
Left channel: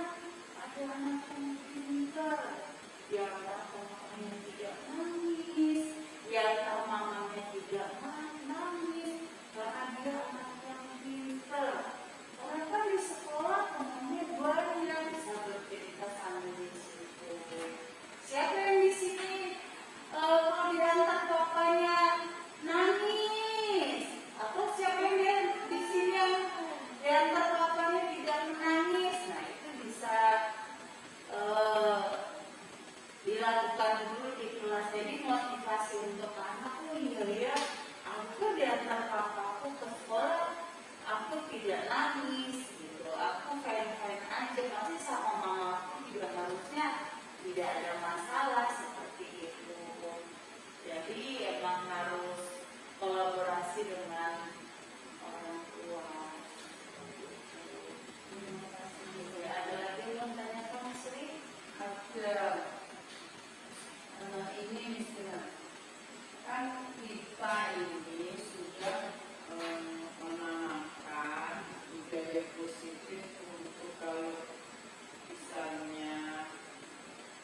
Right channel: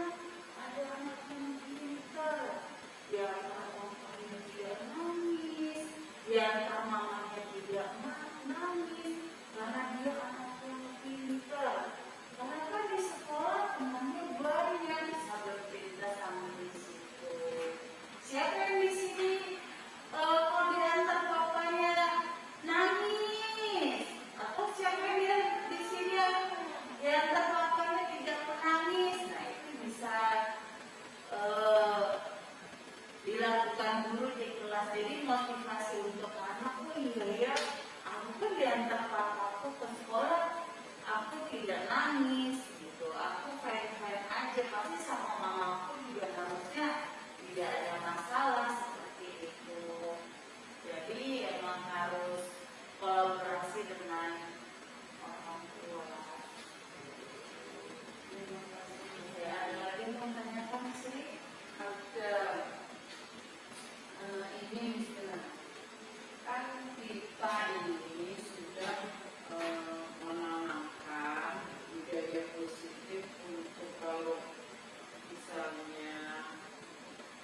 ada anak yang pintar, yang mamanya tidak nangis, yang mamanya tidak nangis karena dia anak yang pintar. Karena kan di sekolah temannya banyak, bisa bercerita sambil di situ. Siapa yang di sini kalau diantar bapaknya nangis? Atau siapa yang di sini yang diantar bapaknya tidak menangis? Nah itu bisa dilakukan guru di kelas. Jadi motivasi untuk anak, oh iya ya, aku diantar papaku ke sekolah, aku tidak nangis gitu, aku fine-fine aja, pasti sama mama aku juga harusnya tidak ada masalah seperti itu. Jadi emang harus kolaborasi dengan orang tua. Terima kasih. Ya, ada lagi yang menanyakan Sri? Ada ini misalnya, kan kita ini sudah menanamkan budaya positif untuk kalau misalnya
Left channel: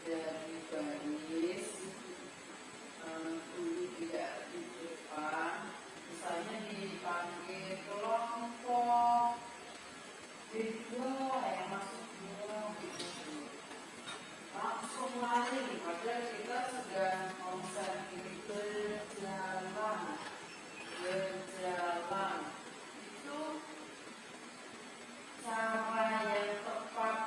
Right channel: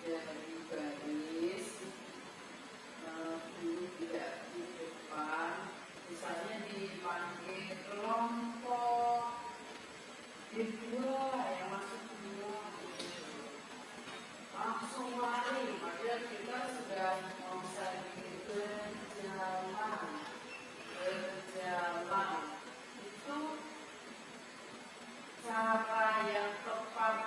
dari baris dulu tidak di depan, misalnya dipanggil kelompok kedua yang masuk dua langsung lari, padahal kita sudah misalnya berjalan itu cara yang tepat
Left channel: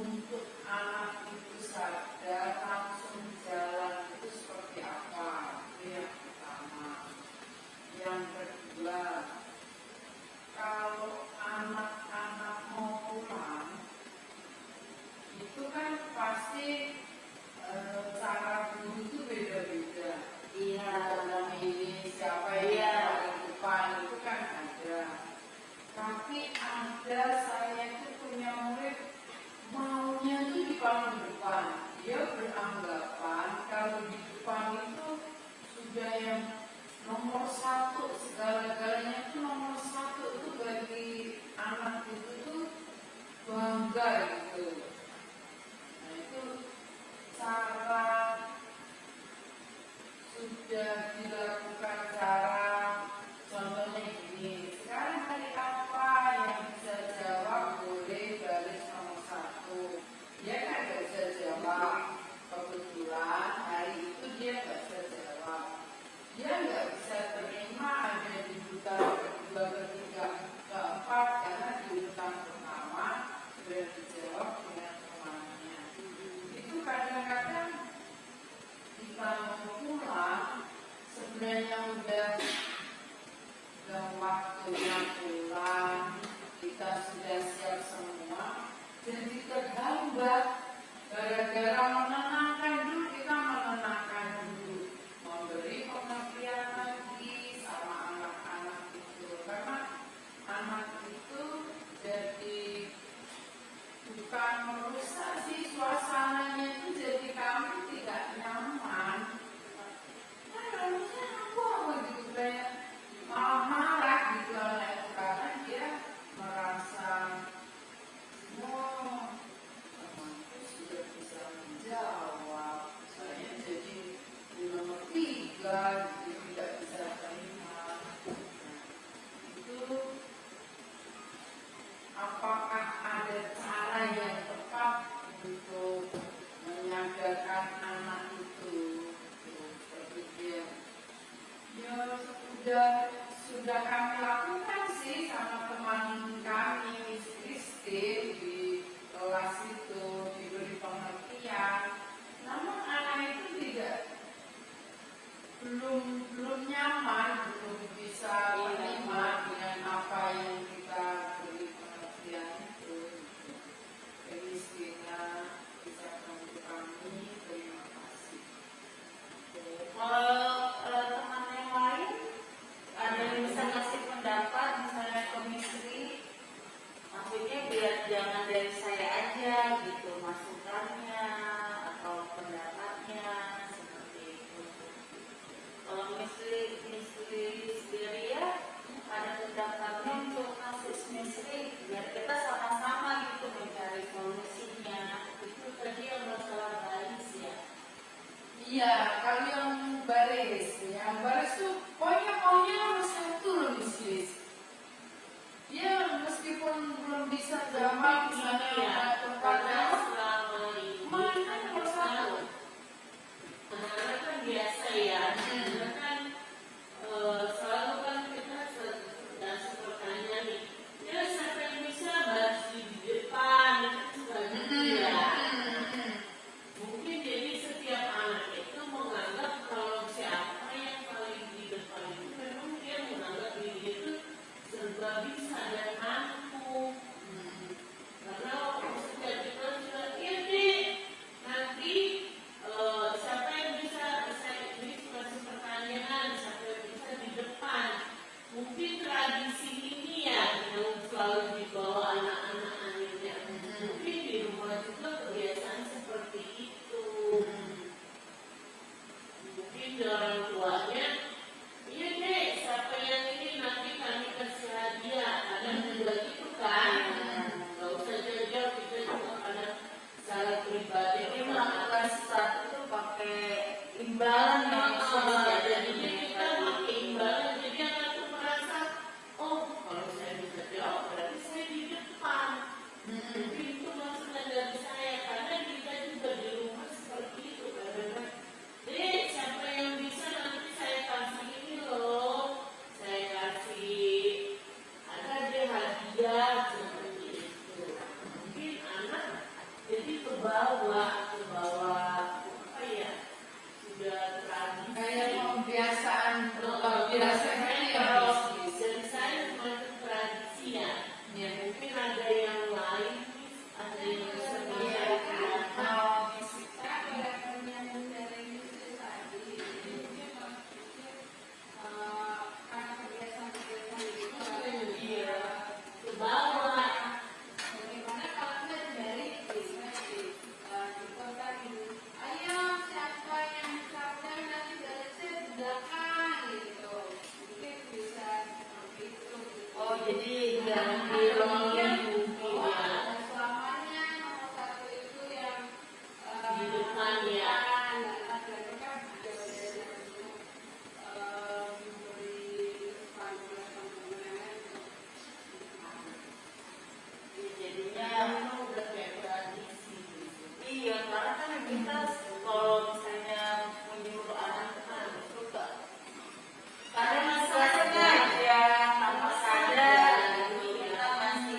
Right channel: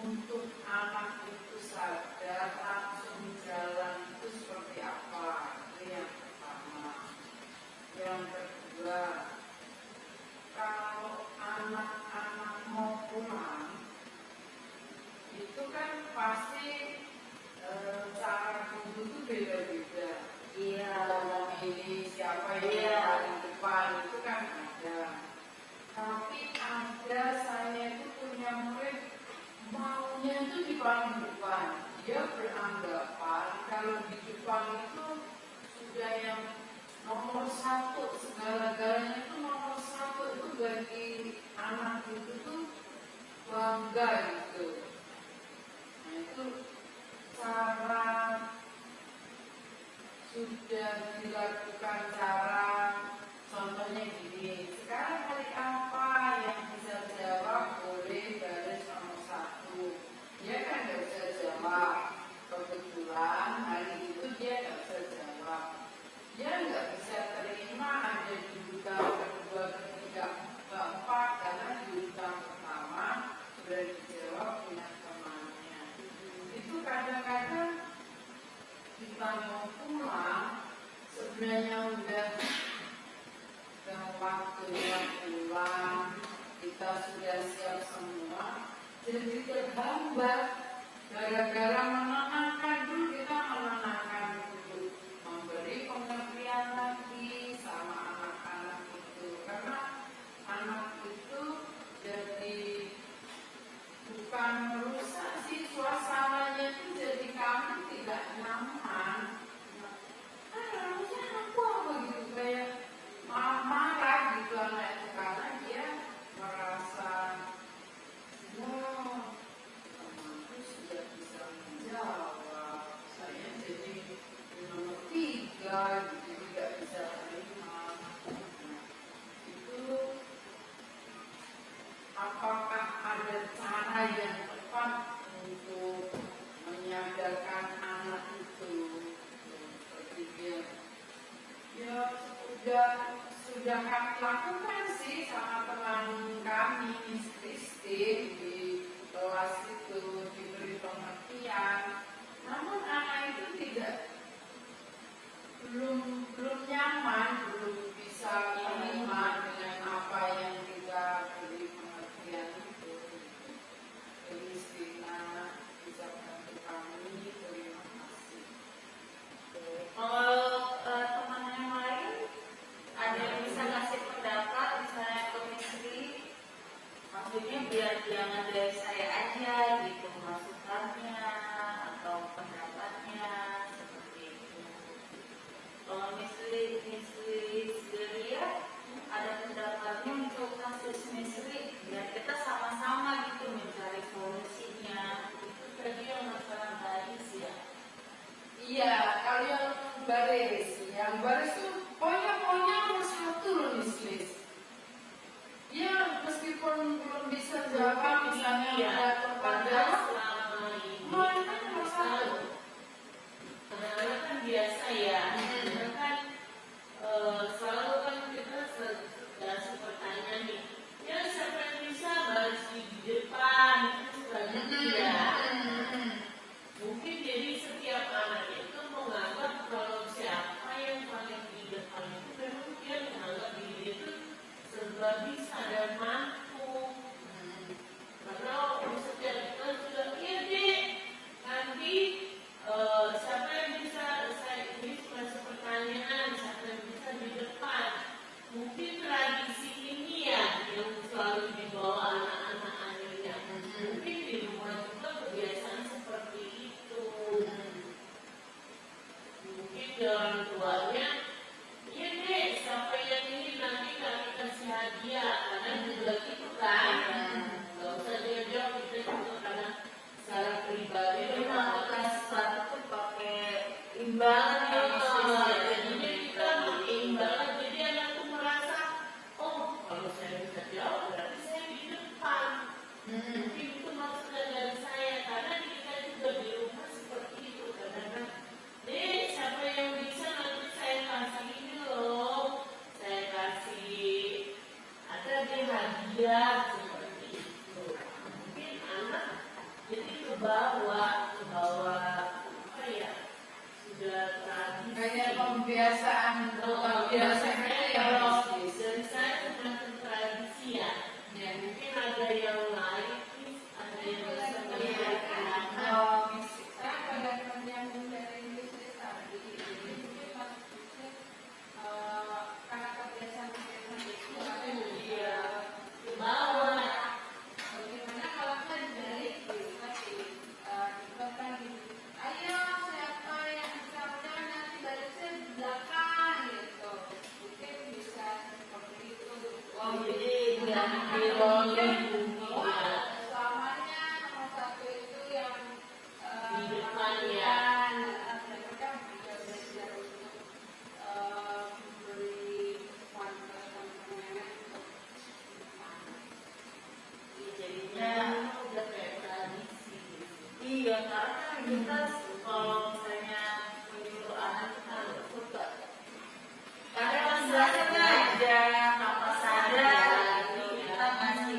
untuk anak itu sadar langsung jalan itu seperti apa. Itu yang pertama. Yang kedua, kalau anak-anak mau pulang itu kan pasti cara guru itu beda-beda. Iya. Ini siapa yang paling depan itu kan ada. Tapi ada saya itu punya murid maunya itu di paling depan. Dia beranggapan kalau di depan itu sudah yang nomor satu, segala-galanya itu nomor satu, itu bagi anak itu tuh bangga gitu. Nah itu cara sudah dilakukan cara, contohnya gini, sekarang hari apa yang bisa jawab boleh baris nomor satu. Dia kan nggak bisa jawab, kebetulan hari itu dia nggak bisa jawab. Dia nggak bisa terima ada di urutan kedua, ketiga, keempat, karena di urutan pertama sudah dijawab dengan temannya. Itu kadang-kadang jika mau pulang, sebenarnya udah waktunya pulang, kita sudah siap semua, jadi terhambat gara-gara menenangkan dulu, kita menenangkan dulu, memberi pengertian lagi sama anak-anak itu, karena anak itu jadi bukan merusak sih, suasananya itu jadi kami tidak nyaman. Harusnya apa gitu, kayak sudah kami lakukan sih sama teman kami Miss Christine di kelas itu, diberi pengertian. Namun anak itu belum nyaman, belum bisa menerima dengan apa yang kita beri pengertian itu. Christina bisa bantu kami, terima kasih. Kalau teman yang lain ada yang bisa ngasih pendapat misalnya ke Misri, maksudnya biar jangan dari saya aja gitu masukannya atau pendapatnya seperti itu. Kalau Misri sendiri ya ada pendapatnya untuk kasus Misri, biar kita sama-sama gitu mencari solusinya. Itu tadi yang masalah baris ya. Iya, kalau yang baris tuh pokoknya maunya harus satu loh di Swiss. Dia meskipun belum bisa jawab misalnya Iya, ada karena pertanyaan, selama ini maunya harus satu. karena kan biasa ya, karena kan selalu kan kita sepertanya nih, ya siapa yang bisa bahas di depan itu kan ya. Mungkin jadi setiap anak itu menganggap kalau siapa yang paling di depan itu memang dia menganggap diri itu serba bisa dan mampu. Karena setiap kita sudah ini nanti siapa yang bisa saya ini masuk pertanyaan siapa yang bisa di depan. Mungkin tradisi ini ya yang selalu dibawa anak-anak anaknya. Mungkin di rumah juga kebiasaan seperti itu. Mungkin di orang tuanya, iya deh, siapa yang ini nanti kami kasih hadiah, karena juga gitu kan. Gak usah jauh-jauh, kita juga karena secara pribadi. Jadi kalau kelas satu tuh pakai imbalan ya, Jadinya kita pakai imbalan, jadi anak tuh merasa, oh kalau saya bisa jawab, berarti saya di depan. Mungkin itu maksudnya dari saya, karena kita juga di rumah seperti itu kadang-kadang. Siapa yang bisa nanti saya kasih ini loh, saya kasih ada dia hadiah seperti itu. Mungkin anak jadi kebawa apa ya, sudah tradisi. Kayak pembiasaan biasanya ya. Kalau dari saya semacam tradisi ya. Ya. Mungkin ada yang lain, ada yang seperti Mau fisika pada yang dari Indonesia tadi, ini maksudnya karena kebiasaan-kebiasaan itu iya ke bawah. bagaimana kalau kita dari bisnis juga kan ini, ayo siapa yang misalnya nanti dari saya di belakang gitu, mungkin bisa seperti itu. oh jadi ganti role Oh, ada selamanya nomor satu itu yang Di depan ya. Dan kita juga belajar untuk memberi panduan-panduan Jadinya udah kayak tradisi gitu. iya karena kan kita kalau misalnya menyuruh anak harus suka karena masih belajar aja tanpa sadar gitu kita masih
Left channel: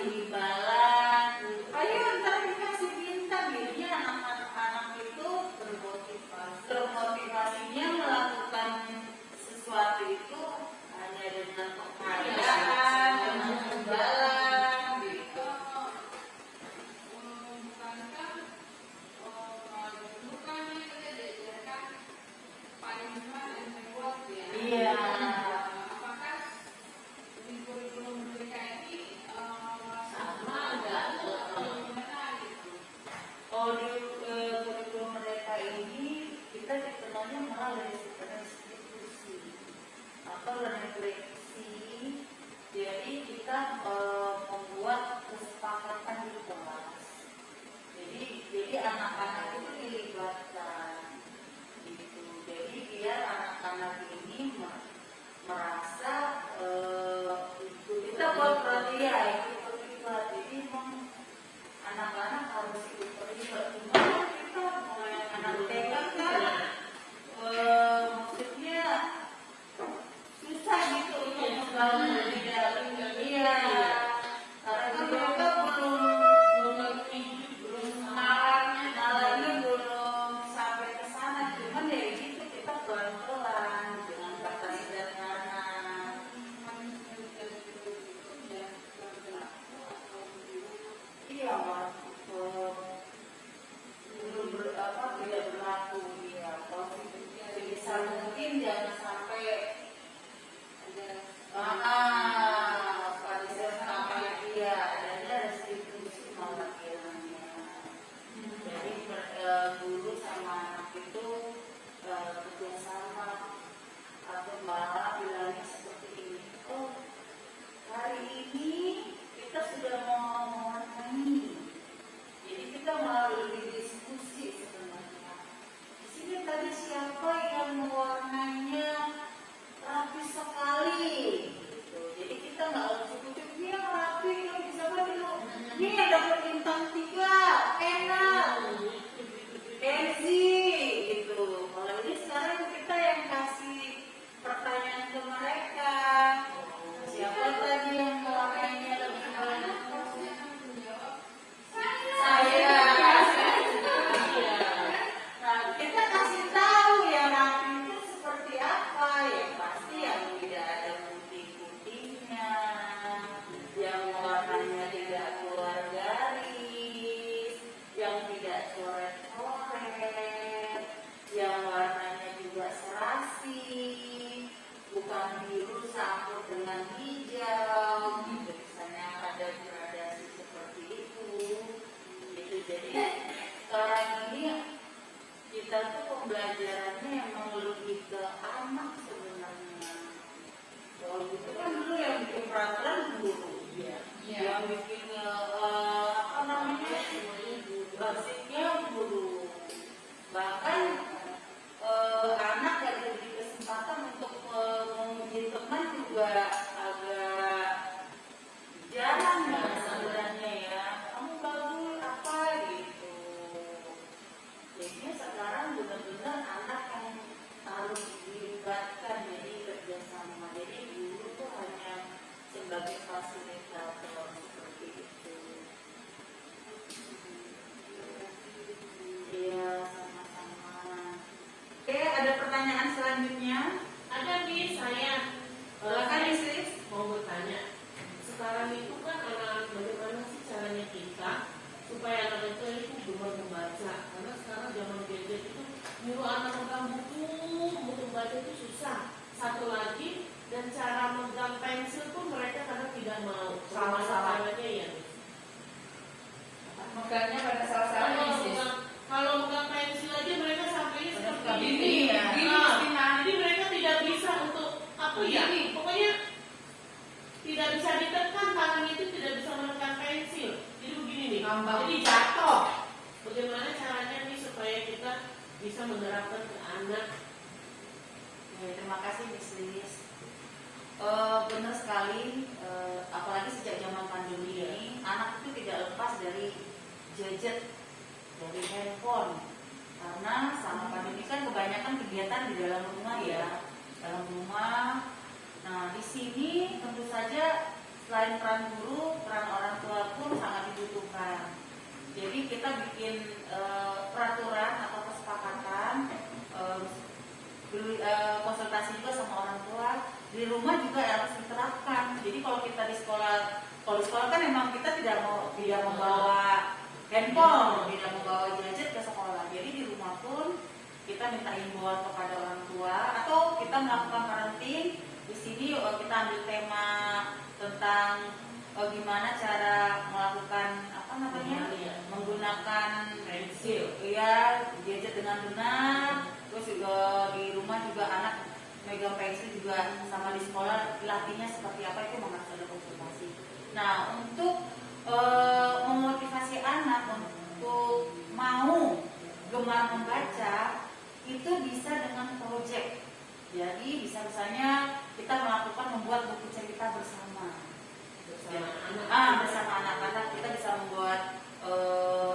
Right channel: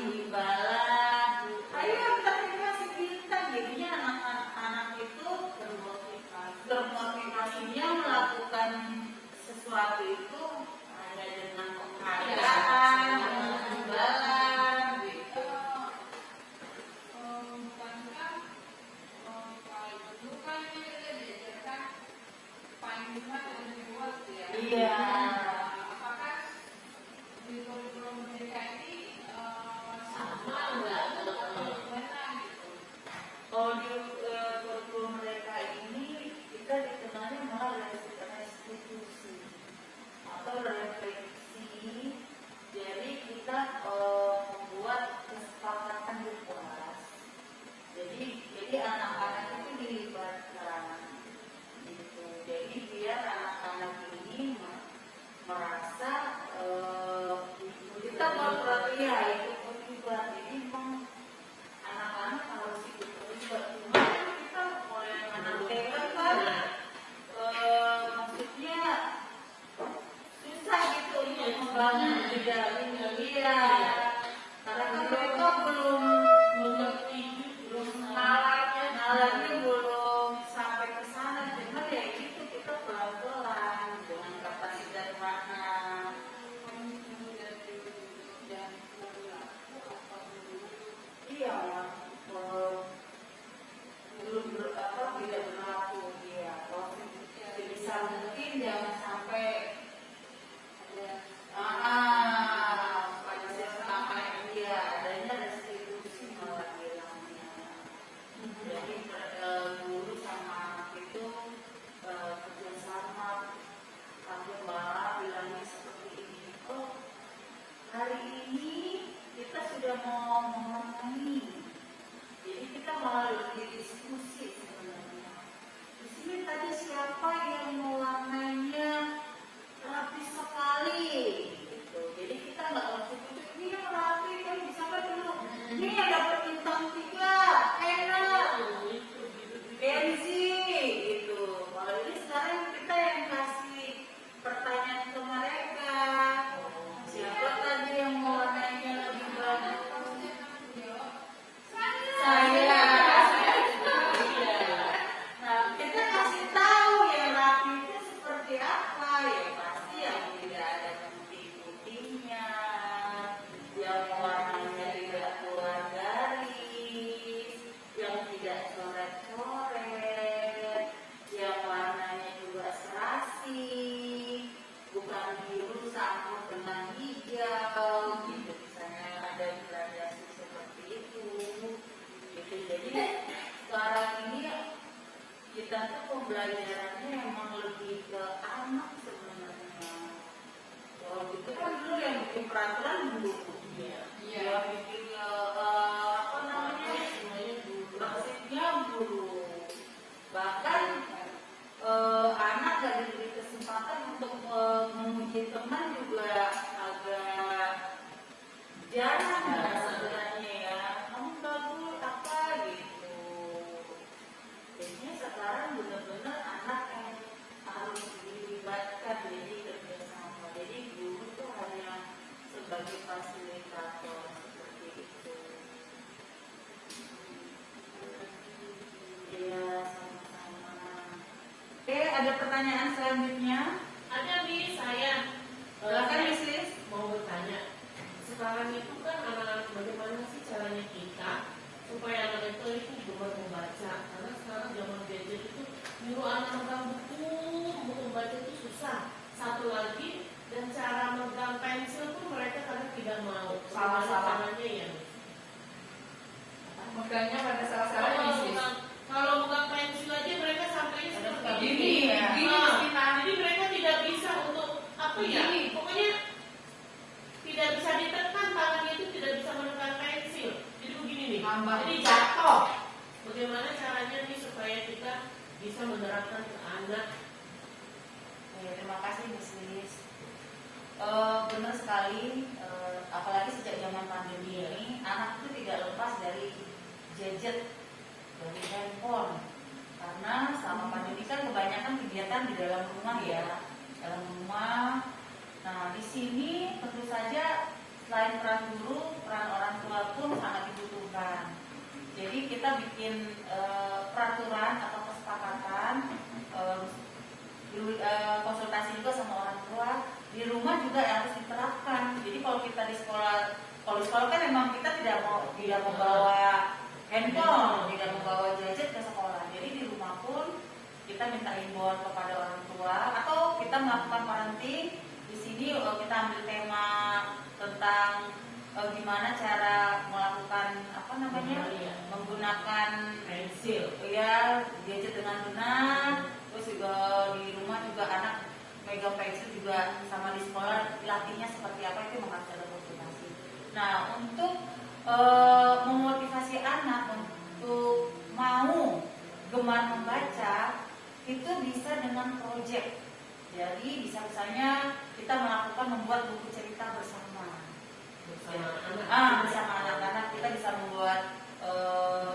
tidak iya, karena kan mereka belum nalarnya belum sampai ke sana, cuman ya gitu kita pelan-pelan dengan kata sederhana. Iya, belum tidak berlaku ya. Sebisa mungkin jangan sampai pada sampai dia dan restitusi malah hilangnya. Jadi guru sama anak itu kerjasama. Aku malah bilangnya seperti ini. Oh, hari ini kita sudah mau mewarnai. Jadi kita malah lebih diskusi sebenarnya. Di sini tadi siapa yang mewarnainya rapi sekali, gitu. Jadi kita nggak mesti kucuk ini yang rapi, yang bisa dulu. Ini yang dapat bintang 3, enak, Benzi, gitu. Kalau ini sekarang kita yang kasih pertanyaan ke mereka. Siapa tadi yang mewarnainya lebih banyak? Saya. Nah, kita kasih tahu yang rapi itu seperti apa ya, pasti yang tidak ada putih-putihnya, yang warnanya tidak keluar garis, yang tidak coret-coret, yang warnanya juga serasi, bukan biru campur dengan hijau, gitu. Misalnya ada gradasi seperti itu. Gitu. Jadi sekarang ini kita tuh pembelajarannya emang lebih ke anak sebenarnya. Kalau gitu kan dulu yang bikin peraturan guru, yang bikin apa namanya, basicnya guru. Bahkan anak gak diberi kesempatan untuk memuji teman juga agak jarang ya sebenarnya ya. Kamu bagus apa gitu. Jadinya sekarang benar-benar anak yang harus dilibatkan jadi kerjasama. Jadi guru tuh hanya sebagai fasilitator seperti itu. Ya sama-sama. Oke, ada pertanyaan selanjutnya? Ada di saya. Silakan Isis. Mau bertanya. Sekarang itu kan anak bagaimana sih caranya kita supaya anak itu gemar membaca? Karena sekarang zaman gadget itu nyuruh anak megang buku baca itu susah. Satu lagi, dan cara megang pensil pun mereka kadang tidak mau. Salah-salah. Caranya ya. Megangnya pada salah-salah Isis. Kalau megang pensil aja mereka sampainya seperti Gini ya. Jadi mereka tidak bisa untuk apa ya? Pokoknya tidak bisa ditekan, tangan itu tidak bisa menekan pensil. Jadi begini nih, jadi jatuh. Bagaimana caranya nih supaya kita bisa menerapkan ke anak? Ya, terima kasih Miss Liz. Benar sekali, apalagi sejak zaman pandemi ini, anak itu tidak lepas dari gadget, dari handphone. Karena selama pandemi kan kebanyakan kegiatan di dalam rumah ya, dalam rumah. Nah, di sini tentu saja selain peran guru, peran orang tua pun sangat dibutuhkan. Jadi kita bikin peraturan atau kesepakatan, konsultasi juga sama orang tua. Di rumah juga harus diterapkan. Jadi kalau kita di sekolah, kalau di sekolah kan memang kita tidak mau bawa handphone, tidak mau bawa gadget ke sekolah. Jadi di rumah pun kita minta himbauan kepada orang tua atau kita melakukan parenting. Di sini kita ambil tema tentang gimana cara melakukan apa namanya, menggunakan Pensil. ya gadget dengan benar. Terus juga di rumah juga anak megang pensil juga, sama di sekolah latihnya seperti apa itu mengasah konsultasi. Nah, untuk memotivasi anak untuk mau gemar membaca itu bisa dengan proyek. Jadi misalnya kita membuat buku cerita bersama bersama anak-anak. Kita bisa membuat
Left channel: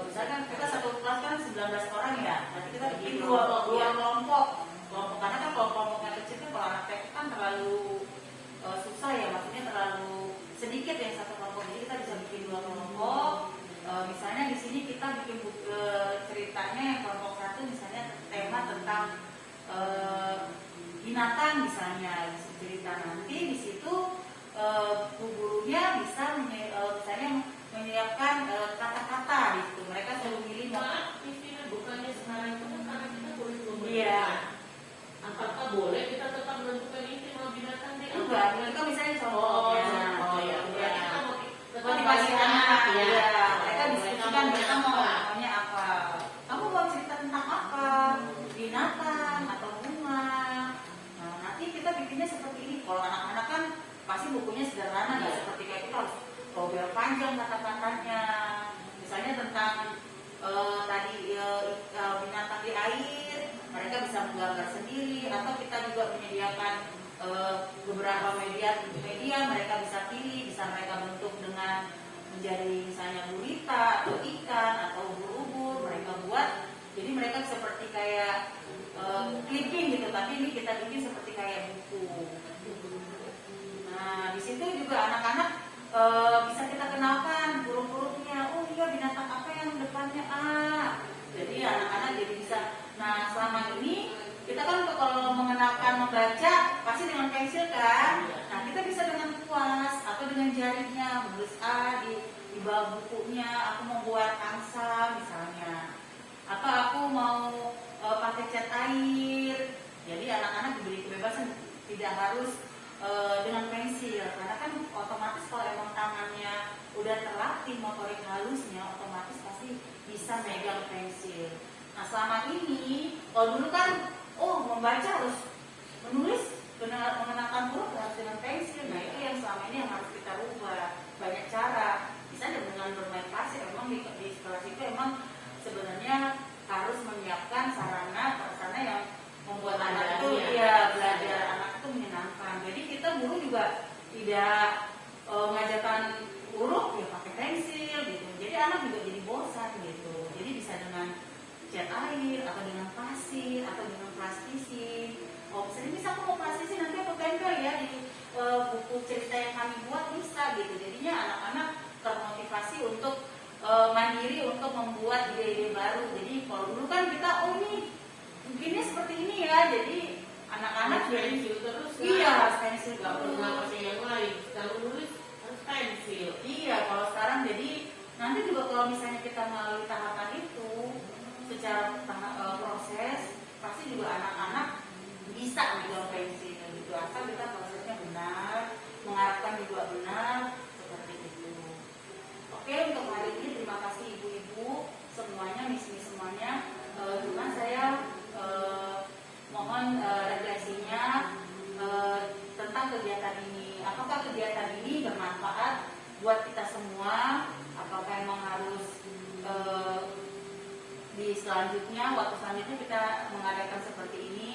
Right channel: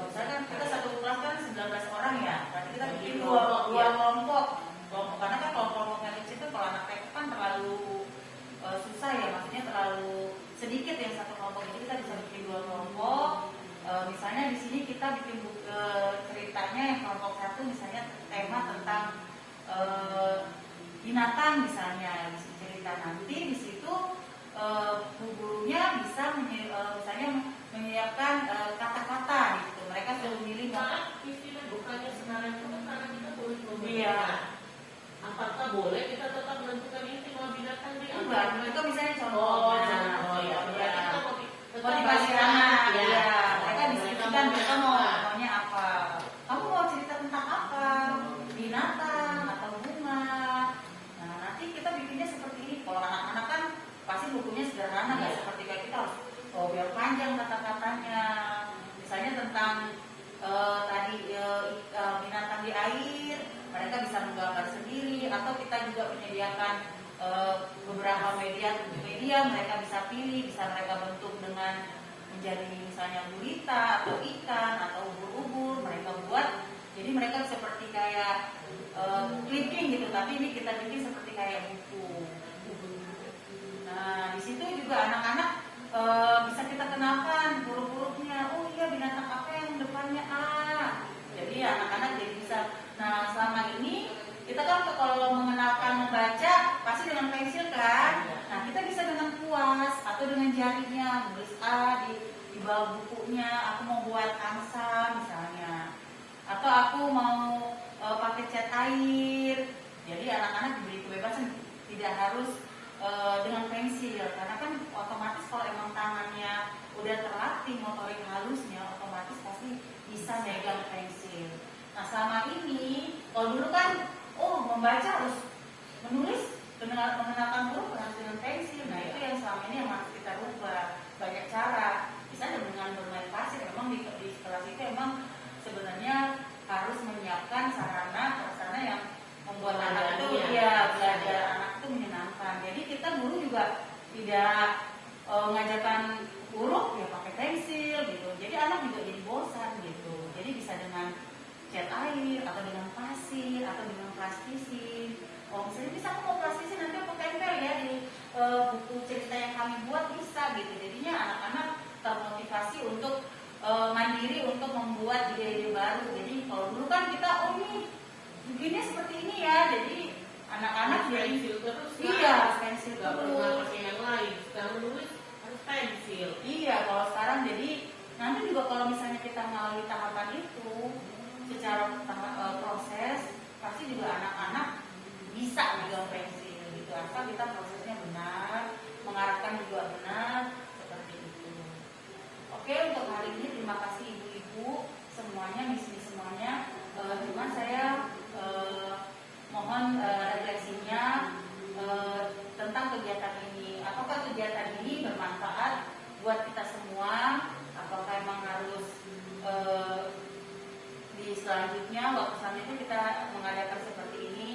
misalkan kita satu kelas kan 19 orang ya, nanti kita bikin dua kelompok. Karena kan kelompok yang kecil kan kalau anak TK kan terlalu susah ya bu gurunya bisa misalnya menyiapkan kata-kata gitu. Mereka selalu milih Malah istilah bukannya sekarang itu kan karena kita boleh Iya. memilih. Apakah boleh kita tetap menentukan istimewa binatang di enggak, mereka misalnya contohnya. ya. Berarti kita mau tetap Motivasi anak, ya. Mereka Boleh diskusikan kamu mereka apa? maunya apa. Kamu mau cerita tentang apa? Binatang atau bunga? Nah, nanti kita bikinnya seperti ini. Kalau anak-anak kan pasti bukunya sederhana, nggak Iya. seperti kayak kita harus biar panjang kata-katanya. Misalnya tentang tadi binatang di air, mereka bisa menggambar sendiri, atau kita juga menyediakan beberapa media mereka bisa pilih, bisa mereka bentuk dengan menjadi misalnya gurita atau ikan atau ubur-ubur mereka buat, jadi mereka seperti kayak clipping gitu, tapi ini kita bikin seperti kayak buku. Nah di situ juga anak-anak bisa kita kenalkan huruf-hurufnya. Oh iya, binatang apa yang depannya A. Jadi anak-anak jadi bisa. Nah selama ini kita kan kalau mengenalkan membaca pasti dengan pensil kan. Nah kita bisa dengan kuas atau dengan jarinya menulis A di bawah bukunya. Aku mau buat angsa misalnya, atau aku mau pakai cat air. Jadi anak-anak diberi kebebasan, tidak harus dengan pensil, karena kan otomatis kalau emang tangannya udah terlatih motorik halusnya, otomatis pasti bisa megang pensil. Nah selama ini, kalau dulu kan membaca harus menulis mengenalkan huruf harus dengan pensil. Nah itu yang selama ini yang harus kita rubah. Banyak cara, misalnya dengan bermeditasi. Memang di sekolah itu emang sebenarnya harus menyiapkan sarana prasarana yang membuat anak itu belajar anak itu menyenangkan. Jadi kita guru juga tidak mengajarkan huruf ya pakai pensil gitu. Jadi anak juga jadi bosan gitu. Jadi bisa dengan cat air atau dengan pasir atau dengan plastisin. Misalnya bisa aku mau plastisin, nanti aku tempel ya di buku cerita yang kami buat, bisa gitu. Jadinya anak-anak termotivasi untuk mandiri untuk membuat ide-ide baru. Jadi kalau dulu kan kita nih bikinnya seperti ini ya, jadi anak-anak pensil terus. iya pensil Gak pernah terus. pakai yang lain. Sekarang nulis harus pensil. Iya, kalau sekarang jadi nanti juga kalau misalnya kita melalui tahapan itu secara proses, pasti juga anak-anak bisa megang pensil gitu. Asal kita prosesnya benar, mengarahkan juga benar, seperti itu. Oke, untuk hari ini terima kasih ibu-ibu semuanya, misi semuanya. Cuma saya mohon refleksinya tentang kegiatan ini. Apakah kegiatan ini bermanfaat buat kita semua? Apakah memang harus di selanjutnya, waktu selanjutnya kita mengadakan seperti ini?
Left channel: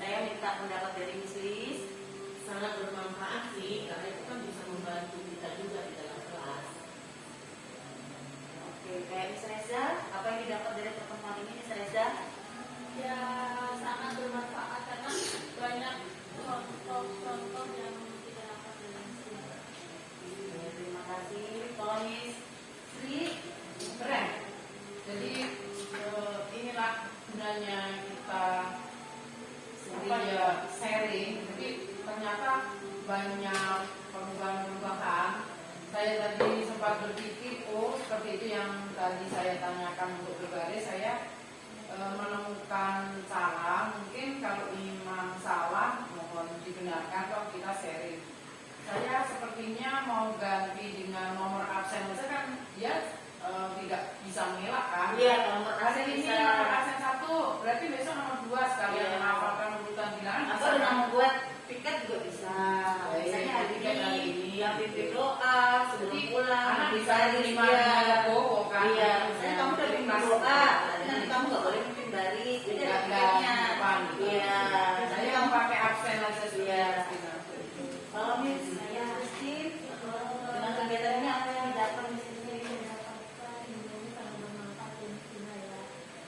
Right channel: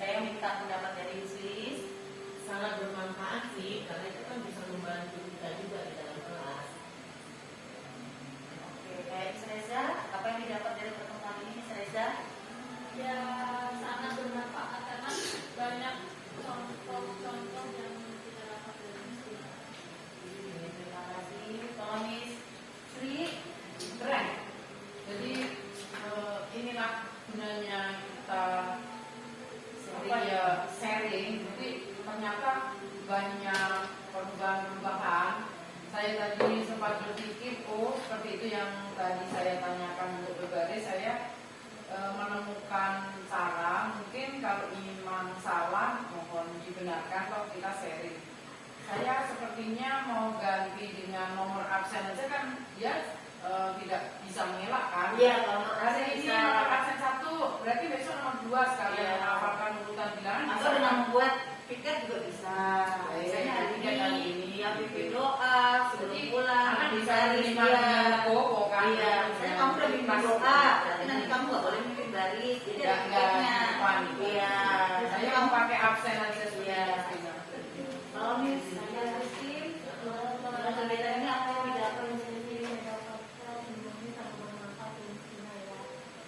Saya minta pendapat dari Sis. Sangat bermanfaat sih, karena itu kan bisa membantu kita juga di dalam kelas. Oke, Miss Reza, apa yang didapat dari pertemuan ini, Miss Reza? Ya sangat bermanfaat karena banyak contoh-contoh yang kita dapat dari sini. Terima kasih. Kalau Miss Sri, keren. Jadi inilah gunanya kita sharing. Jadi ternyata banyak perubahan-perubahan. Saya tadi sempat berpikir, seperti itu yang tadi saya tanyakan untuk berbaris. Saya menemukan cara, mungkin kalau imam salah mohon dibenarkan kalau kita sharing. Saya sepertinya mau ganti dengan nomor absen aja kan, ya tidak bisa mengelak kan. Iya, nomor Hari absen ini bisa. nomor absen 1, berarti besok nomor 2 sekalian Iya. menghafalkan urutan bilangan. Atau dengan membuat piket juga bisa. Misalnya hari Piket kali ini ini. yang pimpin doa sebelum Jadi, pulang, anak bisa baris menerima dia. dengan bobo kan. Iya, misalnya kamu udah pimpin doa, tapi nanti kamu nggak boleh pimpin baris. Jadi ada piketnya. Iya. Saya yang pakai absen aja sudah. Kalau Miss Rizky, dengan kegiatannya apa yang didapat Miss Rizky?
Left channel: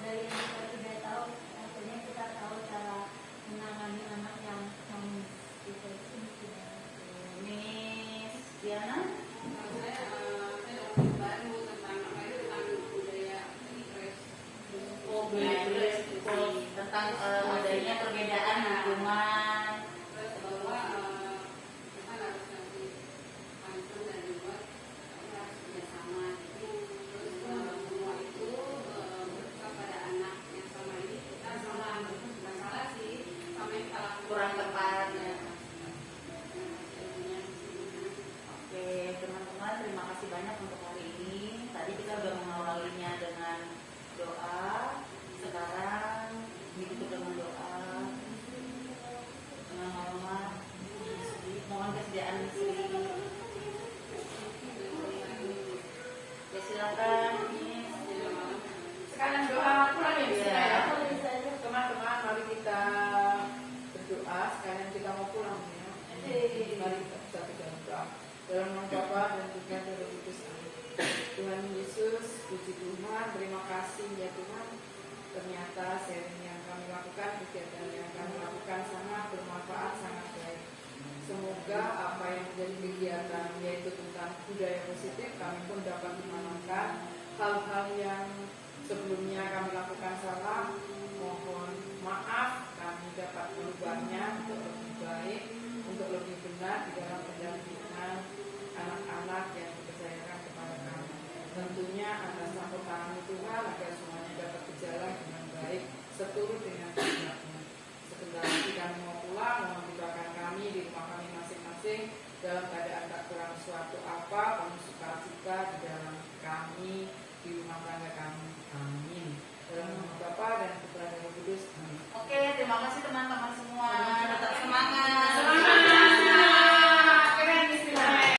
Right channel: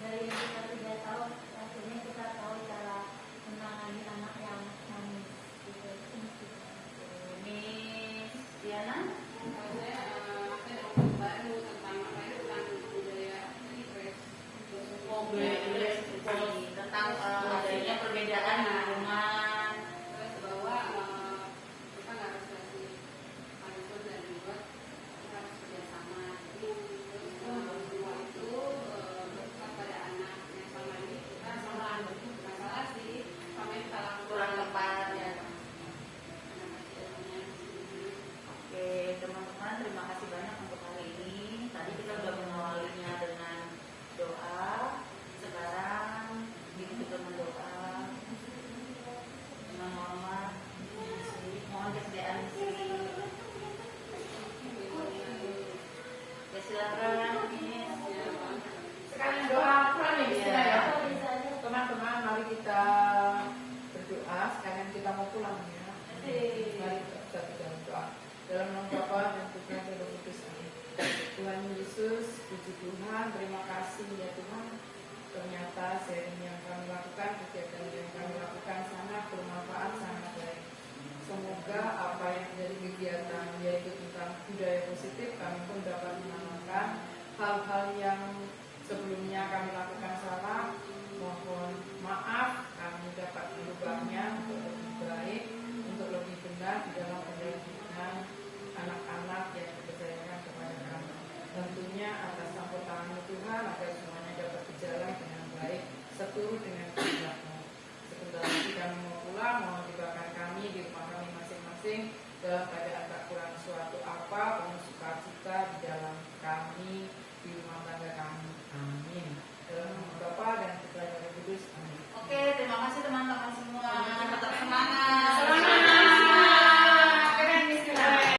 Dari yang kita sudah tahu, akhirnya kita tahu cara menangani anak yang nangis gitu. Miss Diana? Baru tentang apa itu tentang budaya stres. Tentang adanya perbedaan lingkungan, Dalam nama Bapa dan Putra dan Roh Kudus. Amin. Tuhan Yesus, puji Tuhan, terima kasih ya Tuhan. Ternyata sharing yang kami lakukan, kegiatan yang kami lakukan sangat bermanfaat, sangat baik. Semoga apa yang menjadi kegiatan yaitu tentang budaya positif, kami pun dapat menanamkan hal-hal yang sebelumnya kami lakukan salah. Mohon maaf, kami dapat merubahnya untuk lebih baik, untuk lebih benar di dalam pendidikan anak-anak yang dipercayakan kepada kami. Tentunya atas campur tangan Tuhan agar